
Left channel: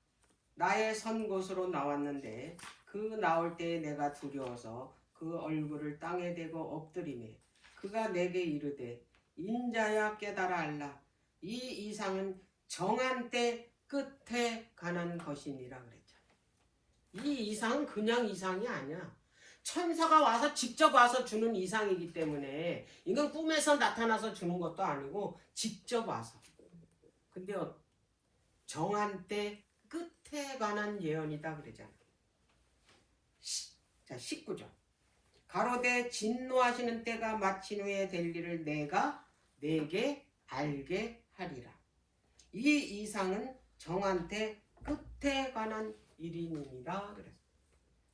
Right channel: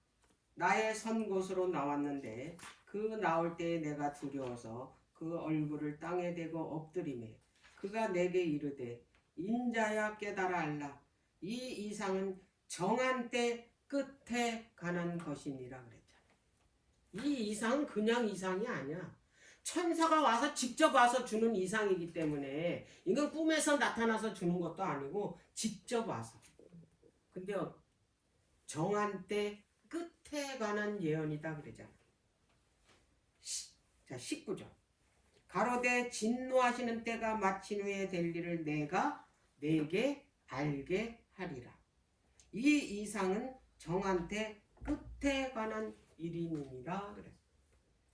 나의 선 곳으로 나왔는데 그 나올 때에 내가 두려워서 그 얼굴을 땅에 대고 엎드리매 그가 내게 이르되 인자야 깨달아 알라. 이 이상은 정한 때 끝에 관한 것이니라 그랬잖아. 이 이상은 그냥 이상이 아니야. 천사가 와서 직접 와서 주는 이상이기 때문에 이건 꿈에서 나타나서 주는 것도 아니고 직접 와서. 근데 정한 때 끝에 관한 예언이다 그러잖아. 자, 19절. 가로되 진노하시는 때가 마친 후에 될 일을 내가 내게 알게 하리라. 이 이상은 정한 때 끝에 관한 일이니라 그랬어.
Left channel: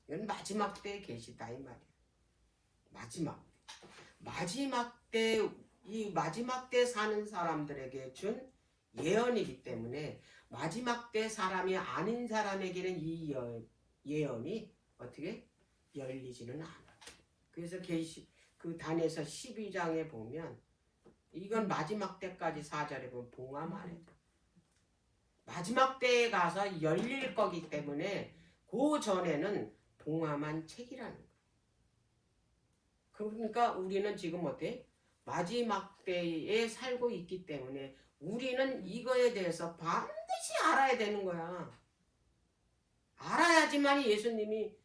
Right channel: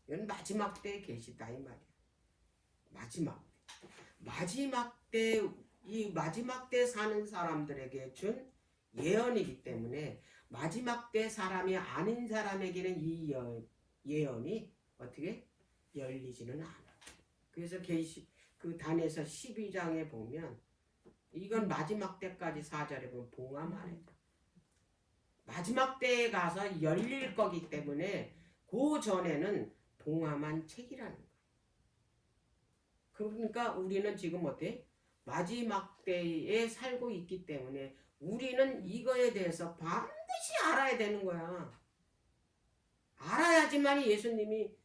이건 마지막 때에 계시다 이 말이야. 마지막 때, 이 마지막 때 사는 사람들에게 준 예언이기 때문에 마지막 때 사람이 아닌 사람에게는 이 예언이 어떻게 열리지는 않아. 그래서 그 다니엘서 12장에 보면 이건 마지막 때까지 4절에 보면 봉화만이다. 마지막 때에 가서 열릴 거기 때문에 그 전에는 봉화만 책이라는 거예요. 그러니까 우리는 지금 어때? 마지막 때에 살고 있기 때문에 우리는 이거에 대해서 반드시 알아야 되는 거야. 알아야지만 예수님이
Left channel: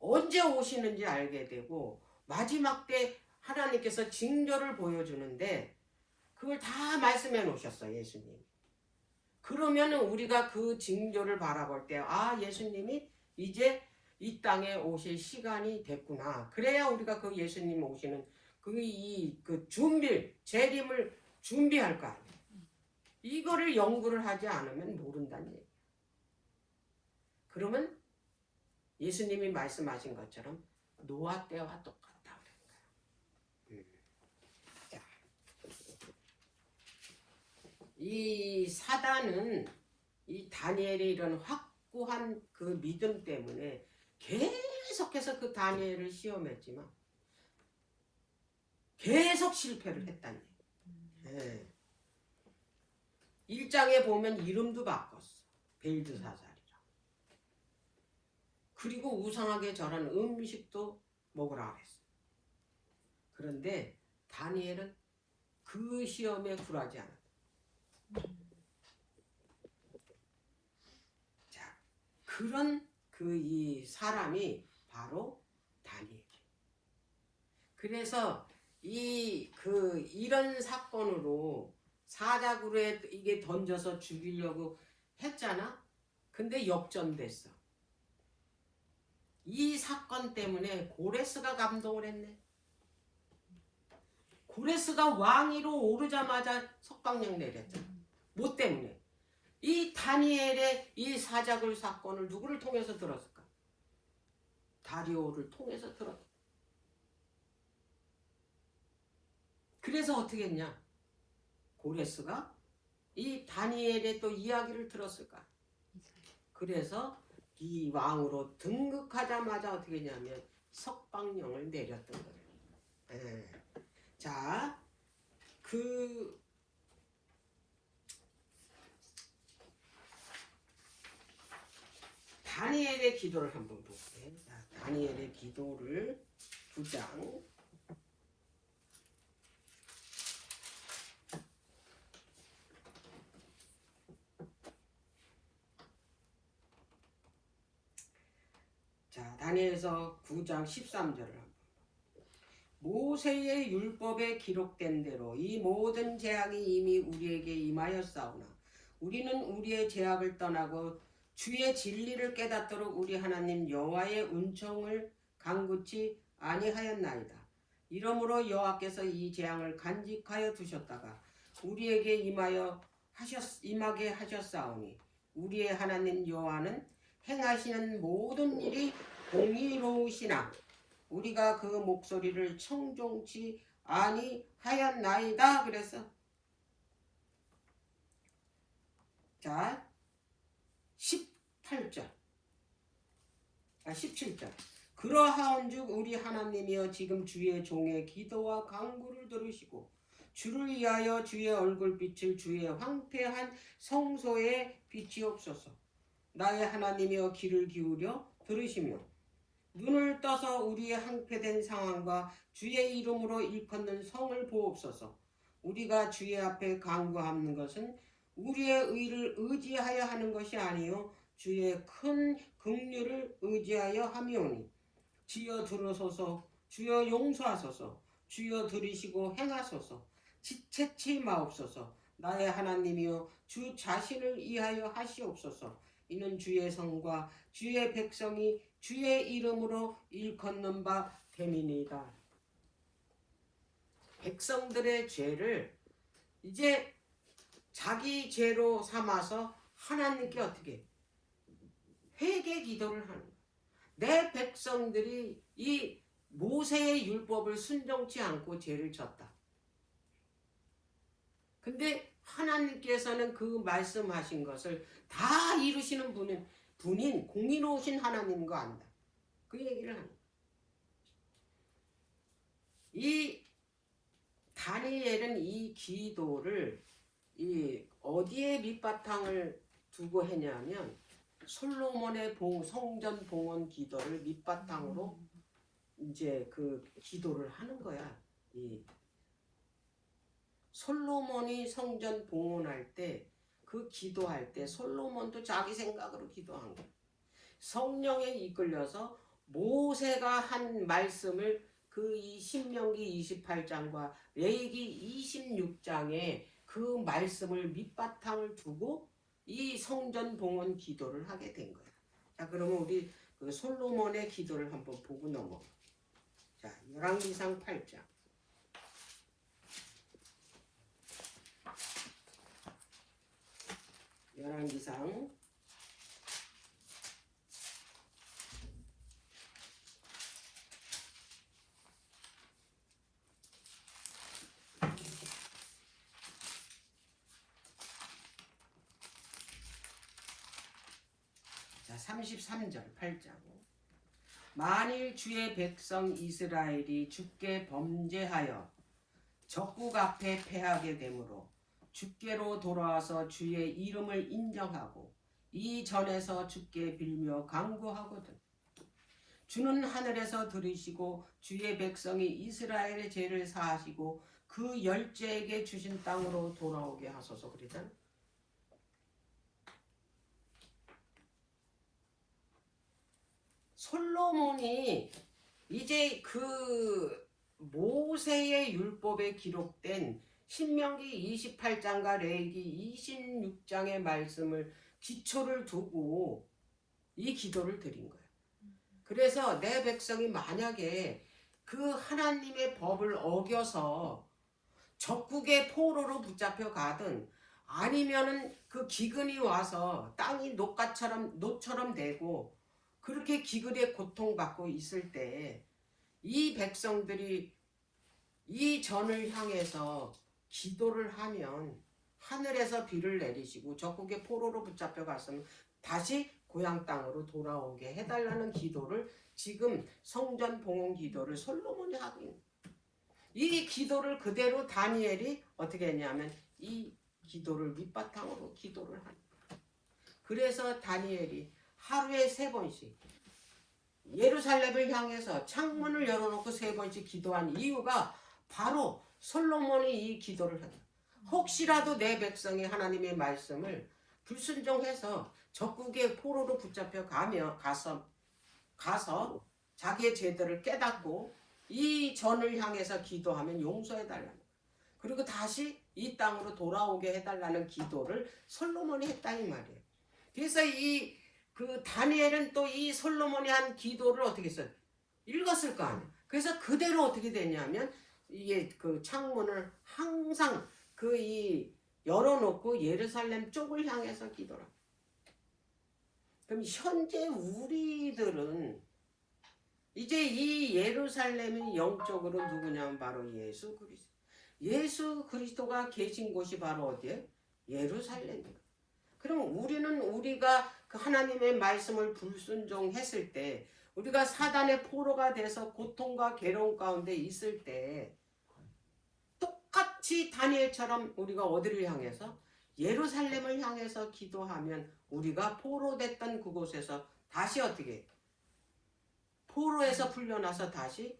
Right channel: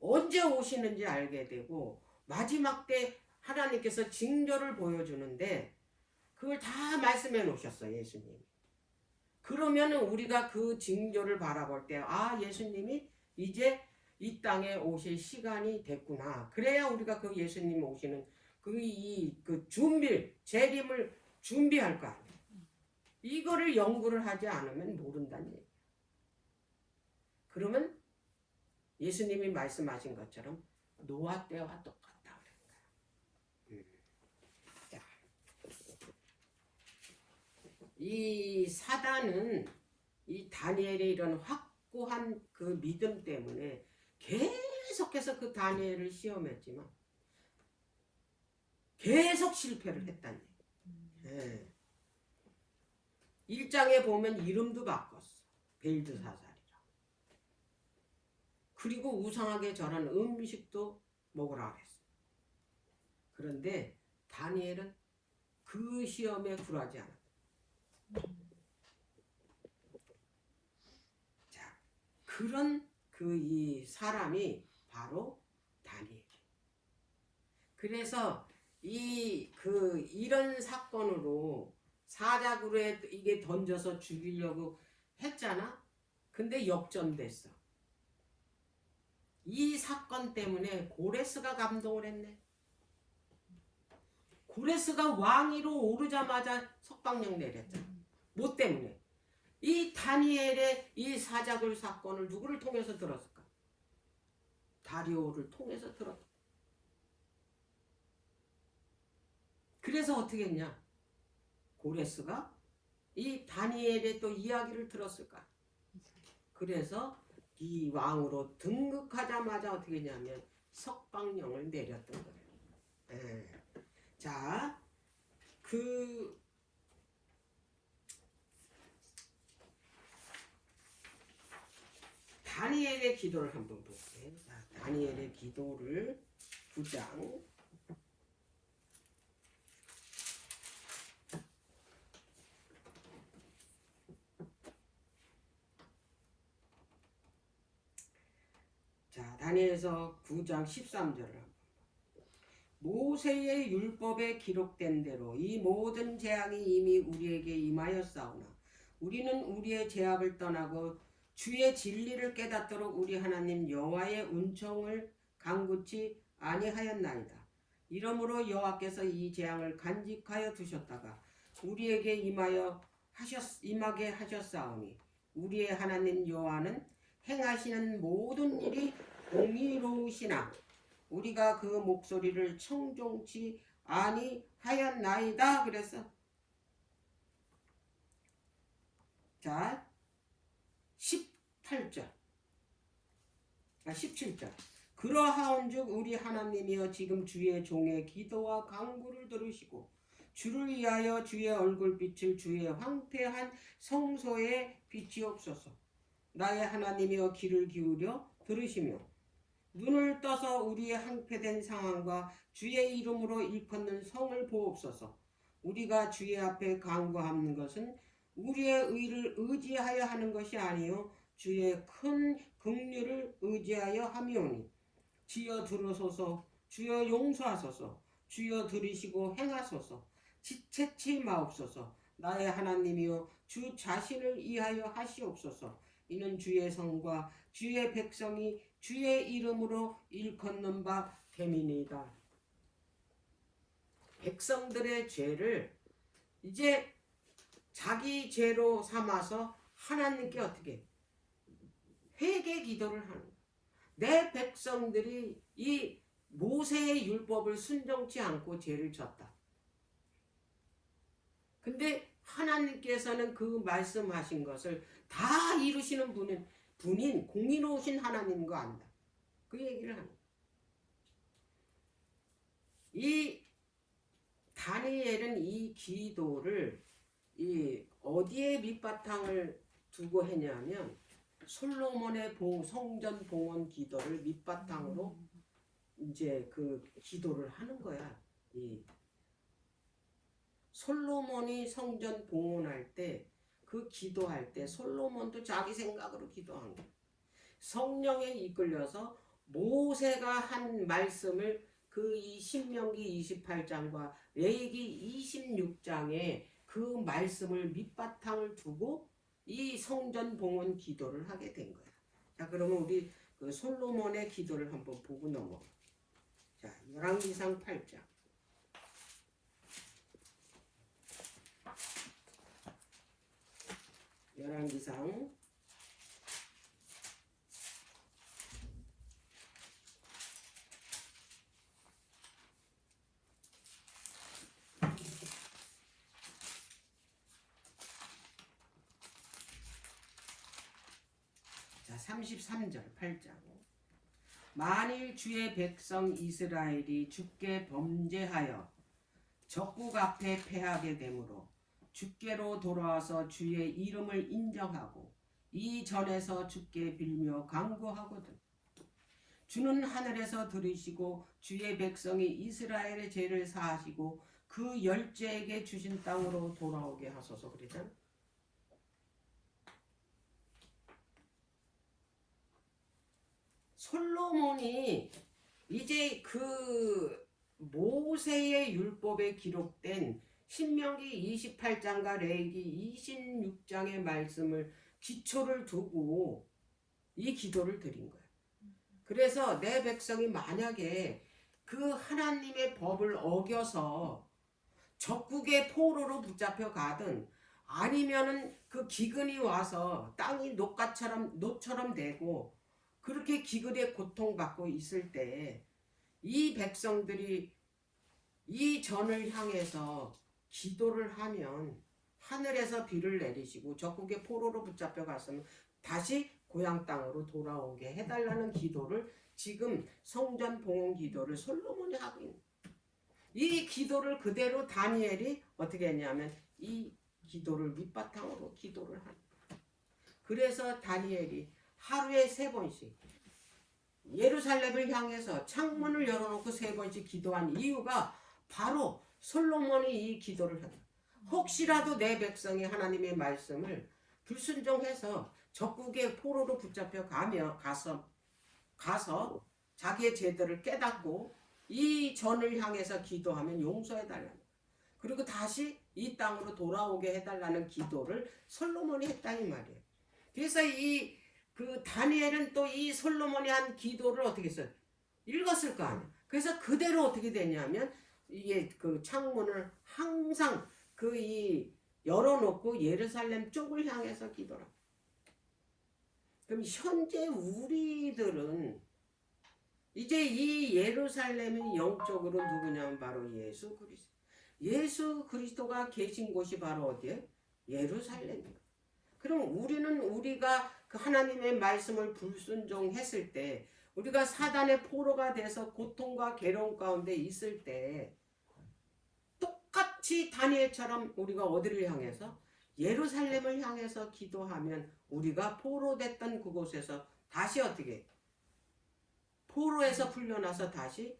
언제 오시는지 알게 되고 마지막 때 하나님께서 징조를 보여주는데 그걸 다 말씀해 놓으셨어 예수님. 그러면 우리가 그 징조를 바라볼 때 예수님이 이제 이 땅에 오실 시간이 됐구나. 그래야 우리가 그 예수님 오시는 그 재림을 준비할 거 아니에요. 이거를 연구를 하지 않으면 모른다는 얘기예요. 그러면 예수님이 말씀하신 것처럼 노아 때와 똑같다 그랬어요. 자, 이 사단은 이 다니엘의 이런 확고한 그 믿음 때문에 계속해서 그 다니엘을 시험했지만 계속 실패를 했다는 얘기예요. 1장에 보면 이름도 바꿨어. 벨드사살이라. 그리고 우상하게 절한 음식도 먹으라 그랬어. 그런데 다니엘은 그 시험에 굴하지 않았다. 자, 그런 이 사람이 바로 다니엘. 그래서 이런 사건으로 사자굴에 이게 던져서 죽이려고 했잖아. 근데 역전됐어. 이 사건 때문에 고레스가 감동을 했네. 고레스가 왕위로 오르자마자 석방령 내렸잖아. 뭐 때문에? 이 다니엘의 이 사자굴 사건을 누구를 통해서 들었을까? 다리오를 통해서 들었다. 그래서 어떻게 했냐? 고레스가 이 다니엘의 또 이야기를 들었을까? 그래서 이 왕으로 등극하자마자 어떻게 했냐면 석방령을 내렸던 거예요. 자, 다니엘의 기도를 한번 볼게요. 다니엘의 기도를 9장 자, 다니엘서 9장 13절을 모세의 율법에 기록된 대로 이 모든 재앙이 이미 우리에게 임하였사오나 우리는 우리의 죄악을 떠나고 주의 진리를 깨닫도록 우리 하나님 여호와의 은총을 간구치 아니하였나이다. 이러므로 여호와께서 이 재앙을 간직하여 두셨다가 우리에게 임하게 하셨사오니 우리의 하나님 여호와는 행하시는 모든 일이 공의로우시나 우리가 그 목소리를 청종치 아니하였나이다. 그래서 자 17절 그러하온즉 우리 하나님이여 지금 주의 종의 기도와 간구를 들으시고 주를 위하여 주의 얼굴빛을 주의 황폐한 성소에 비치옵소서. 나의 하나님이여 귀를 기울여 들으시며 눈을 떠서 우리의 황폐된 상황과 주의 이름으로 일컫는 성을 보옵소서. 우리가 주의 앞에 간구하는 것은 우리의 의를 의지하여 하는 것이 아니요 주의 큰 긍휼을 의지하여 함이오니 주여 들으소서. 주여 용서하소서. 주여 들으시고 행하소서. 지체치 마옵소서. 나의 하나님이여 주 자신을 위하여 하시옵소서. 이는 주의 성과 주의 백성이 주의 이름으로 일컫는 바 됨이니이다. 백성들의 죄를 이제 자기 죄로 삼아서 하나님께 어떻게 회개 기도를 하는 거야. 내 백성들이 이 모세의 율법을 순종치 않고 죄를 졌다. 근데 하나님께서는 그 말씀하신 것을 다 이루시는 분인 공의로우신 하나님인 거 안다. 그 얘기를 합니다. 이 다니엘은 이 기도를 어디에 밑바탕을 두고 했냐면 솔로몬의 성전 봉헌 기도를 밑바탕으로 이제 그 기도를 하는 거야. 솔로몬이 성전 봉헌할 때 그 기도할 때 솔로몬도 자기 생각으로 기도한 거야. 성령에 이끌려서 모세가 한 말씀을 그 신명기 28장과 레위기 26장에 그 말씀을 밑바탕을 두고 이 성전 봉헌 기도를 하게 된 거야. 자, 그러면 우리 그 솔로몬의 기도를 한번 보고 넘어가. 자, 열왕기상 8장. 열왕기상 33절 8장. 만일 주의 백성 이스라엘이 주께 범죄하여 적국 앞에 패하게 되므로 주께로 돌아와서 주의 이름을 인정하고 이 전에서 주께 빌며 간구하거든 주는 하늘에서 들으시고 주의 백성이 이스라엘의 죄를 사하시고 그 열째에게 주신 땅으로 돌아오게 하소서. 그랬잖아. 솔로몬이 이제 그 모세의 율법에 기록된 신명기 28장과 레위기 26장의 말씀을 기초를 두고 이 기도를 드린 거예요. 그래서 내 백성이 만약에 그 하나님의 법을 어겨서 적국의 포로로 붙잡혀 가든 아니면은 그 기근이 와서 땅이 노처럼 되고 그렇게 기근에 고통받고 있을 때 이 백성들이 이 전을 향해서 기도를 하면 하늘에서 비를 내리시고 적국의 포로로 붙잡혀 갔으면 다시 고향 땅으로 돌아오게 해달라는 기도를 지금 성전 봉헌 기도를 솔로몬이 하고 있는 거예요. 이 기도를 그대로 다니엘이 어떻게 했냐면 이 기도를 밑바탕으로 기도를 하는 거예요. 그래서 다니엘이 하루에 3번씩 예루살렘을 향해서 창문을 열어놓고 세 번씩 기도한 이유가 바로 솔로몬이 이 기도를 하다. 혹시라도 내 백성이 하나님의 말씀을 불순종해서 적국의 포로로 붙잡혀 가서 자기의 죄들을 깨닫고 이 전을 향해서 기도하면 용서해달라는 거예요. 그리고 다시 이 땅으로 돌아오게 해달라는 기도를 솔로몬이 했다 이 말이에요. 그래서 그 다니엘은 또 이 솔로몬이 한 기도를 어떻게 했어요? 읽었을 거 아니에요. 그래서 그대로 어떻게 되냐면 이게 그 창문을 항상 열어놓고 예루살렘 쪽을 향해서 기도를 합니다. 그럼 현재 우리들은 이제 이 예루살렘이 영적으로 누구냐면 바로 예수 그리스도. 예수 그리스도가 계신 곳이 바로 어디에? 예루살렘입니다. 그럼 우리가 그 하나님의 말씀을 불순종했을 때, 우리가 사단의 포로가 돼서 고통과 괴로움 가운데 있을 때 똑같이 다니엘처럼 우리가 어디를 향해서? 예루살렘을 향해서 기도하면 우리가 포로됐던 그곳에서 다시 어떻게? 포로에서 풀려나서 다시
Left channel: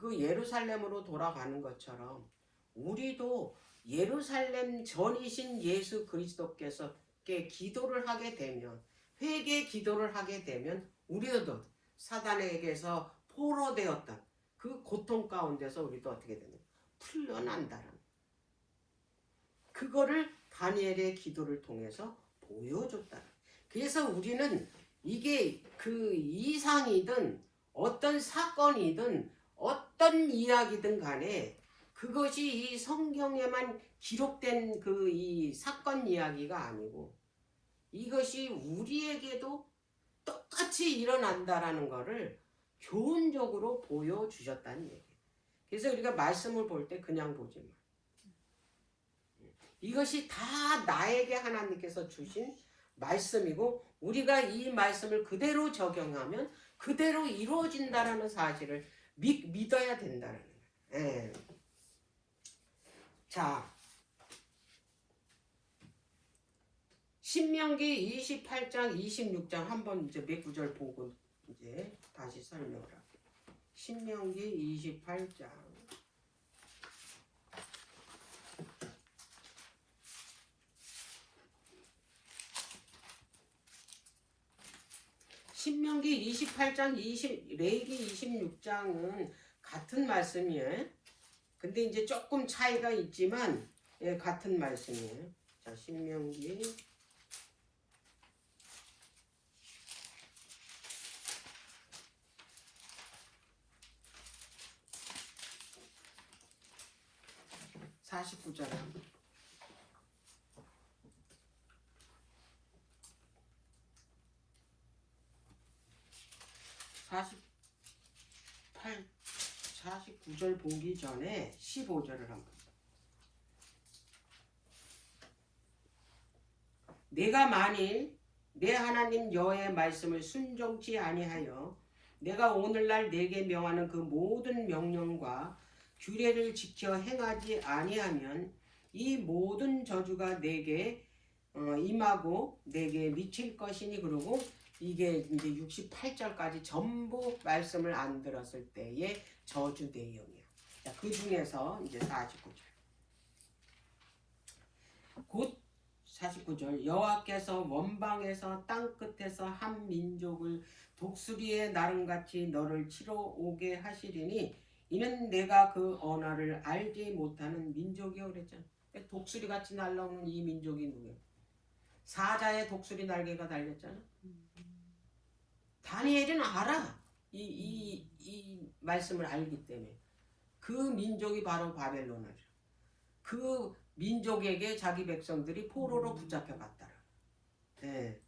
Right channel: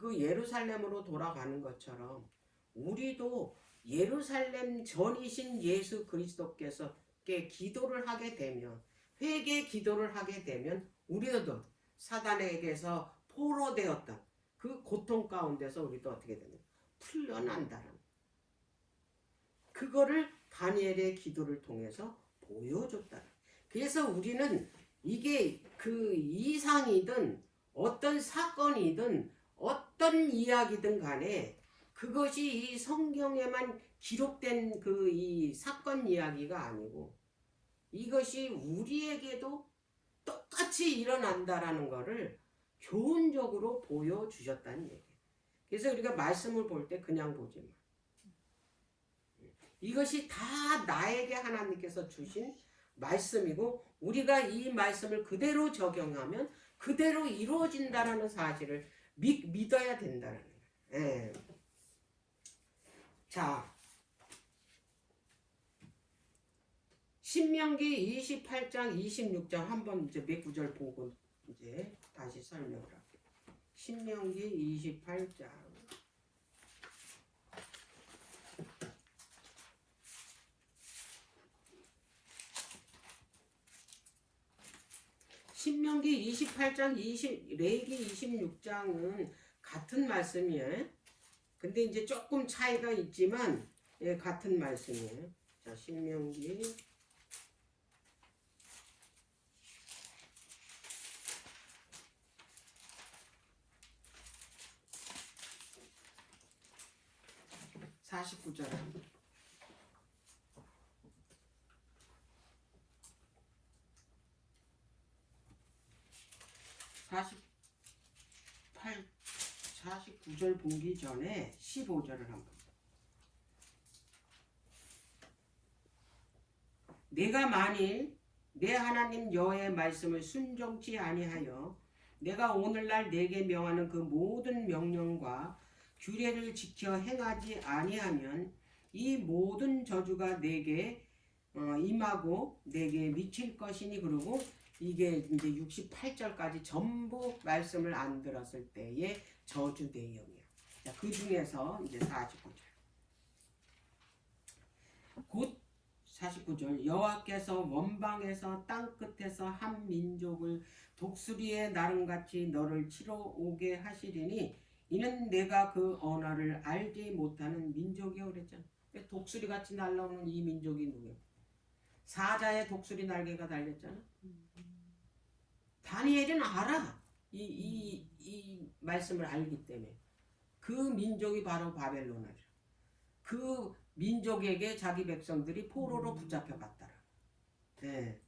그 예루살렘으로 돌아가는 것처럼 우리도 예루살렘 전이신 예수 그리스도께서 기도를 하게 되면, 회개 기도를 하게 되면 우리도 사단에게서 포로되었던 그 고통 가운데서 우리도 어떻게 되냐? 풀려난다는 그거를 다니엘의 기도를 통해서 보여줬다. 그래서 우리는 이게 그 이상이든 어떤 사건이든 어떤 이야기든 간에 그것이 이 성경에만 기록된 그 이 사건 이야기가 아니고 이것이 우리에게도 똑같이 일어난다라는 것을 교훈적으로 보여주셨다는 얘기예요. 그래서 우리가 말씀을 볼 때 그냥 보지 마. 이것이 다 나에게 하나님께서 주신 말씀이고 우리가 이 말씀을 그대로 적용하면 그대로 이루어진다라는 사실을 믿어야 된다는 거예요. 예. 자, 신명기 28장 26장 한번 이제 몇 구절 보고 이제 다시 설명을 할게요. 신명기 28장 신명기 28장 레위기 26장은 같은 말씀이에요. 근데 이제 조금 차이가 있지만 예, 같은 말씀이에요. 자, 신명기 49절 49절 보기 전에 15절을 한번. 내가 만일 내 하나님 여호와의 말씀을 순종치 아니하여 내가 오늘날 내게 명하는 그 모든 명령과 규례를 지켜 행하지 아니하면 이 모든 저주가 내게 임하고 내게 미칠 것이니. 그러고 이게 이제 68절까지 전부 말씀을 안 들었을 때의 저주 내용이야. 자, 그 중에서 이제 49절. 곧 49절 여호와께서 원방에서 땅 끝에서 한 민족을 독수리의 나름같이 너를 치러 오게 하시리니 이는 내가 그 언어를 알지 못하는 민족이요 그랬잖아. 독수리같이 날아오는 이 민족이 누구야? 사자의 독수리 날개가 달렸잖아. 다니엘은 알아. 이 말씀을 알기 때문에. 그 민족이 바로 바벨론이야. 그 민족에게 자기 백성들이 포로로 붙잡혀 갔다라. 네.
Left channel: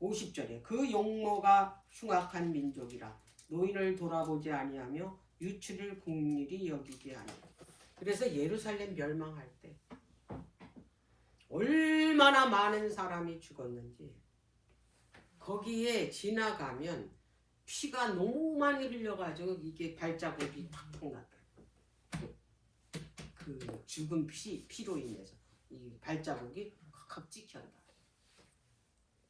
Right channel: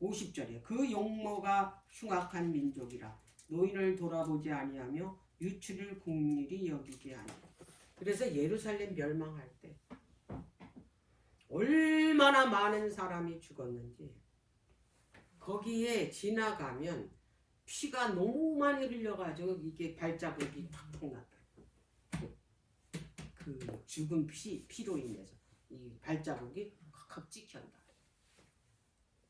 50절에 그 용모가 흉악한 민족이라 노인을 돌아보지 아니하며 유치를 국률이 여기지 아니하고. 그래서 예루살렘 멸망할 때 얼마나 많은 사람이 죽었는지 거기에 지나가면 피가 너무 많이 흘려가지고 이게 발자국이 팍팍 났다. 그 죽은 피로 인해서 이 발자국이 확확 찍혔다.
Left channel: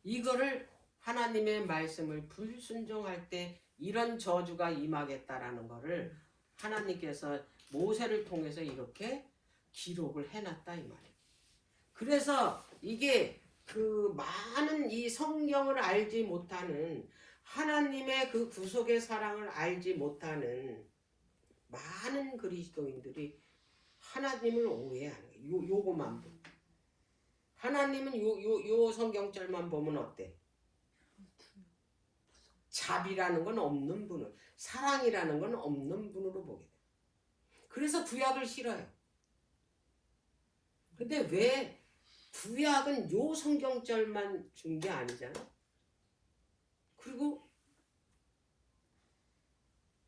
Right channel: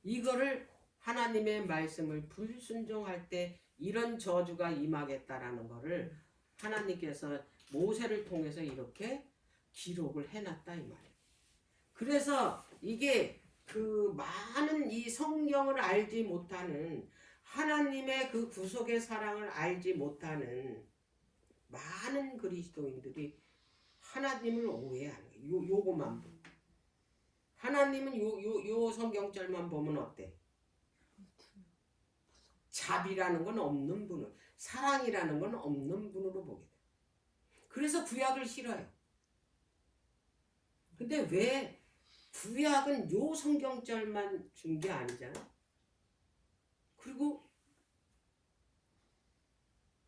이거를 하나님의 말씀을 불순종할 때 이런 저주가 임하겠다라는 거를 하나님께서 모세를 통해서 이렇게 기록을 해놨다 이 말이에요. 그래서 이게 그 많은 이 성경을 알지 못하는 하나님의 그 구속의 사랑을 알지 못하는 많은 그리스도인들이 하나님을 오해하는 거예요. 요거만 보고. 하나님은 요 성경절만 보면 어때? 자비라는 건 없는 분을, 사랑이라는 건 없는 분으로 보게 돼. 그래서 구약을 싫어요. 근데 왜 구약은 요 성경절만 준 게 아니잖아. 그리고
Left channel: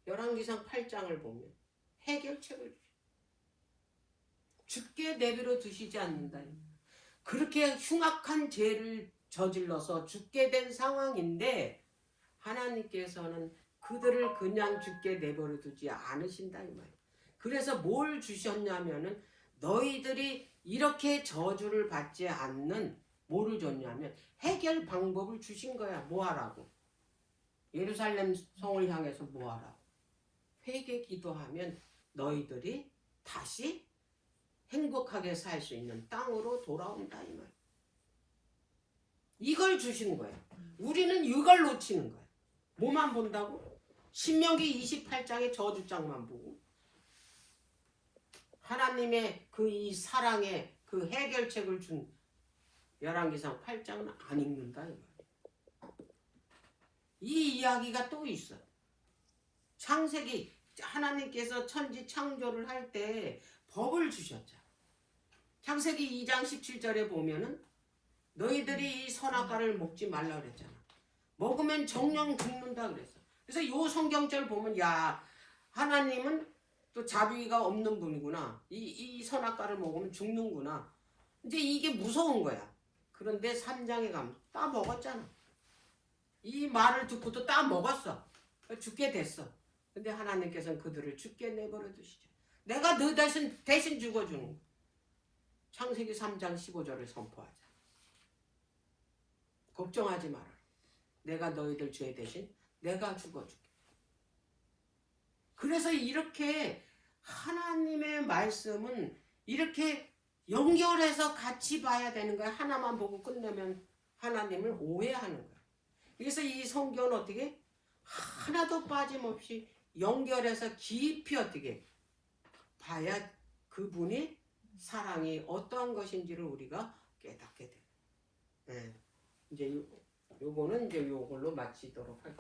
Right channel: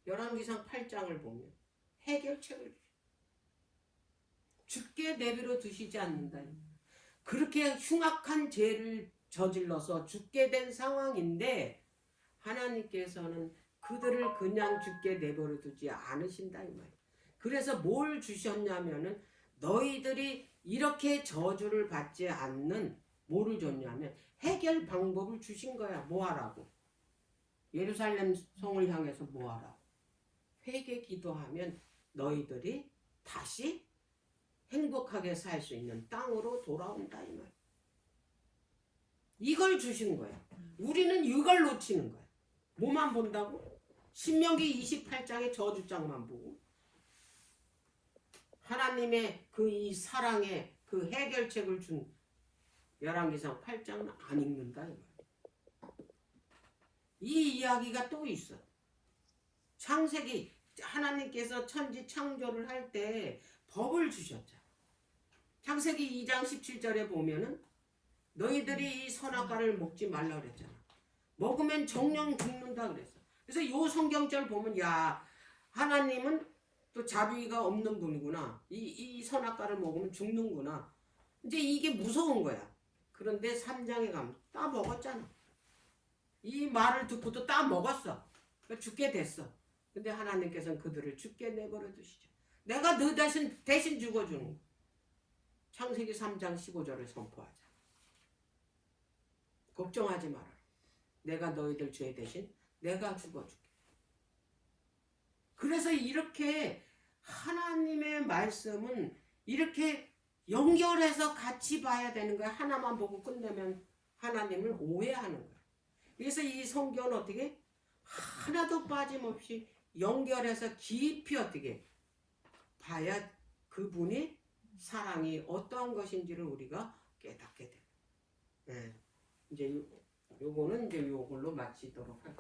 열왕기상 8장을 보면 해결책을 주죠. 죽게 내버려 두시지 않는다. 그렇게 흉악한 죄를 저질러서 죽게 된 상황인데 하나님께서는 그들을 그냥 죽게 내버려 두지 않으신다 이 말이에요. 그래서 뭘 주셨냐면은 너희들이 이렇게 저주를 받지 않는 뭐를 줬냐면 해결 방법을 주신 거야. 뭐 하라고? 예루살렘 성을 향해서 뭐 하라고? 회개 기도하면 너희들이 다시 행복하게 살 수 있는 땅으로 돌아온다 이 말. 이걸 주신 거예요. 우리는 이걸 놓치는 거예요. 뭐만 본다고? 신명기 28장의 저주장만 보고 하나님의 그 이 사랑의 그 해결책을 준 열왕기상 8장은 안 읽는다 이 말이에요. 이 이야기가 또 있어. 창세기 하나님께서 천지 창조를 할 때 법을 주셨잖아. 창세기 2장 17절에 보면은 너희들이 이 선악과를 먹지 말라 그랬잖아. 먹으면 정령 죽는다 그랬어. 그래서 이 성경절 보면 야 하나님은 또 자비가 없는 분이구나. 이 선악과를 먹으면 죽는구나. 이제 이게 무서운 거야. 그런데 3장에 가면 따 먹었잖아. 이 말을 듣고도 따 먹었어. 죽게 됐어. 근데 하나님께서는 그들을 죽게 내버려 두시죠. 내가 너 대신 죽어주는 거야. 창세기 3장 15절을 선포하자. 걱정하지 마라. 내가 너희들 죄 대신 내가 죽어줄게. 그래서 이렇게 하나님의 말씀은 이렇게 연결해서 같이 봐야 되는 거야. 하나만 보고 끝내면 하나님을 오해하는 거야. 그래서 이 성경은 어떻게 하나도 빠짐없이 연결해서 깊이 어떻게 봐야 그분이 사랑이 어떠한 것인지를 우리가 깨닫게 돼요. 네. 이제 요거는 이제 요걸로 마치도록 할게요.